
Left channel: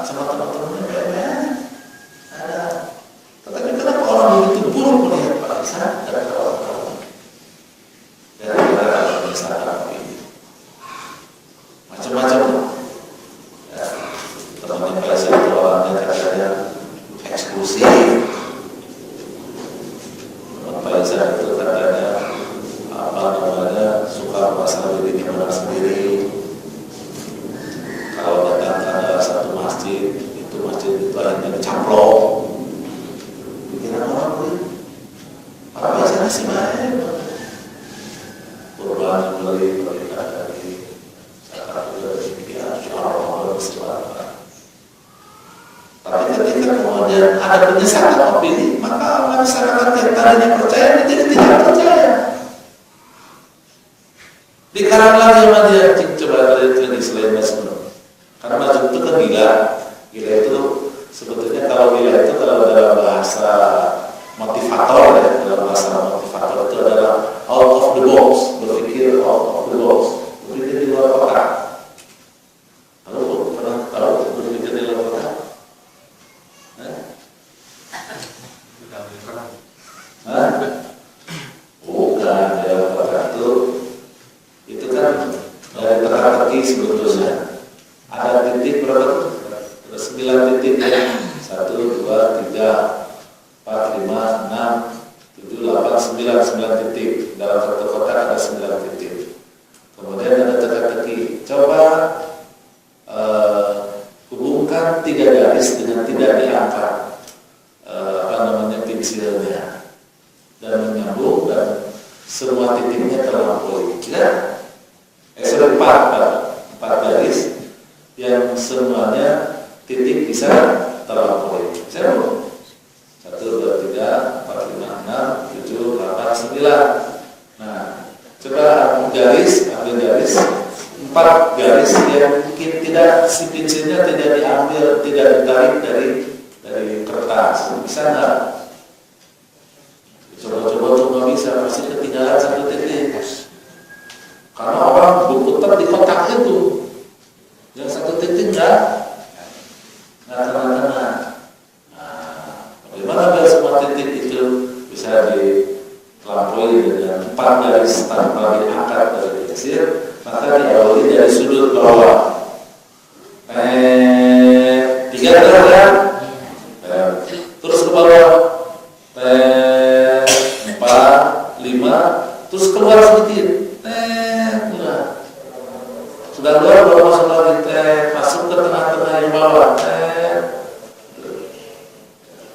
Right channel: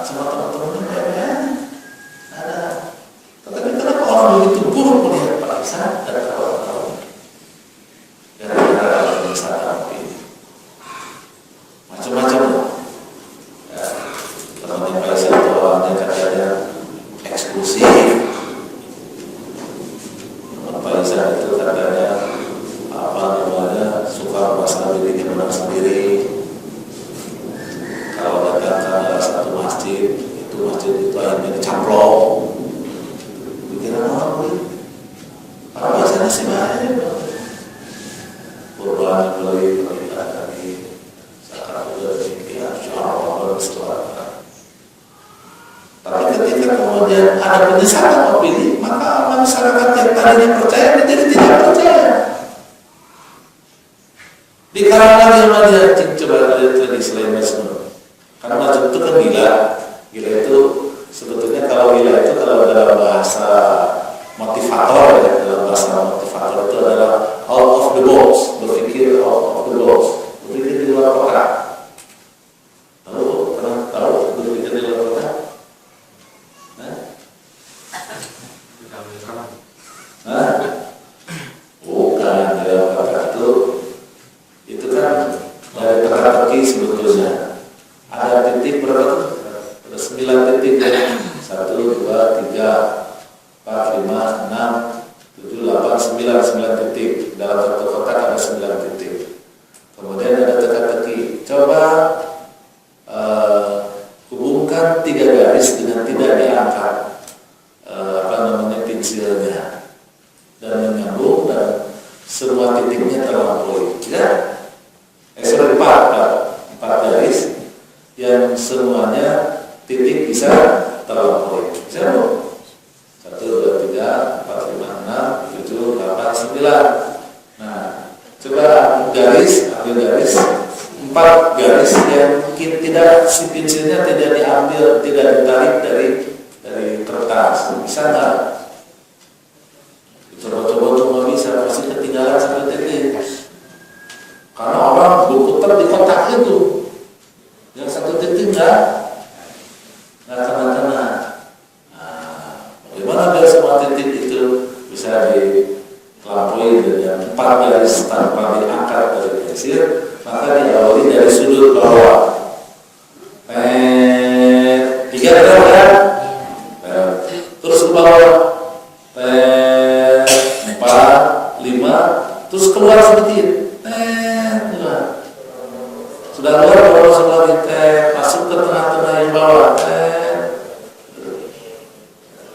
sama teman-temannya baik-baik ada. Tetapi kenapa orang begitu buruk melihat Pak Isa dan kawan-kawan? Gara-gara penyesatan ini macam-macam. Ya, teman-teman Pak Isa itu awalnya katanya eksklusif. Teman Pak Isa itu katanya suka merasa dirinya benar sendiri. Kalau datang ke satu masjid, itu masjid itu akhirnya dicaplok. Pikiran orang para biasanya sih baik. Kurban beli dari zakat dari Allah bersebar. Tapi ketika kemudian ada penyesatan opini, maka masyarakat yang tadinya percaya menjadi tidak percaya. Dikarang lagi sama dia, coba dari selain Majnun. Karena Majnun itu kan gila. Gila itu sebetulnya kalau gila itu kalau dalam bahasa motivator ya, dalam bahasa motivator itu adalah out of the box, berpikir out of the box, berpikir di luar kotak. Lalu pernah tahu berpikir di luar kotak? Bukan ya, kotak itu kan dari teka-teki sebetulnya. Ada titik berapa? Ada 9 titik ya. 1, 2, 3, 4, 5, 6, 7, 8, 9 titik. Dalam satu kotak ada 9 titik. Kemudian ada teka-teki. Coba hubungkan 3 garis dengan tidak diangkat pensilnya dan menyambung dan semua titiknya terlampaui. Ya? Sudah 4 garis yang semuanya titik bisa terlampaui. Saya mau 1, 2, 3, 4, 5, 6, 7, 8, 9. Nah, coba ambil garis 4 garis yang mungkin tidak, si pensilnya tidak diambil, tidak ditarik dari kertas. Bisa nggak? Coba-coba cuma bisa, pasti ketinggalan 1 titik. Karena orang berputar di kotak itu. Yang satu titik nggak kena-kena. Nah, bagaimana biar semua titik itu bisa dilampaui dengan 4 garis tanpa diangkat dari pensil? Maka diawali dari sudut bawah. 3 kan? Terus ke bawah. 4, 5, terus keluar sedikit. Sudah keluar bawah masuk lagi. Masuk ke tengah-tengah yang bawah.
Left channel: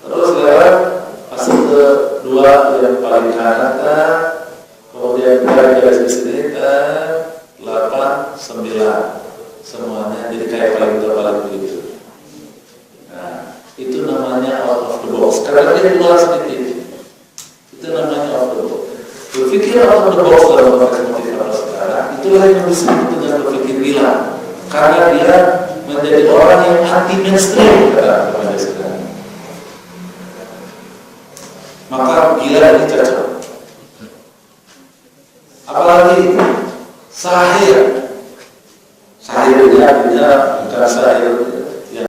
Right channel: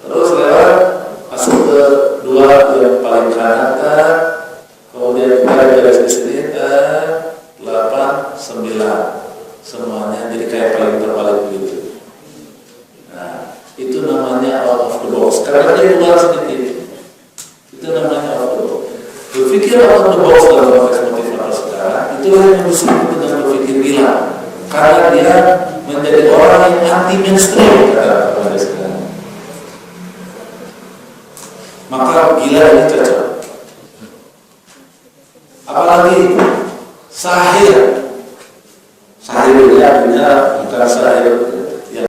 Terus lewat masuk ke 2 yang paling kanan. Kemudian kita garis di sini 8, 9. Semuanya jadi kayak paling terbalik begitu. Nah, itu namanya out of the box. Karena dia keluar sedikit. Itu namanya out of the box. Berpikir out of the box dalam konteks motivator sekarang, itulah yang disebut dengan berpikir gila. Karena dia menjadi orang yang anti mainstream pada sekarang. Maka gila ini cocok. Apalagi sahir. Sahir itu artinya bukan sahir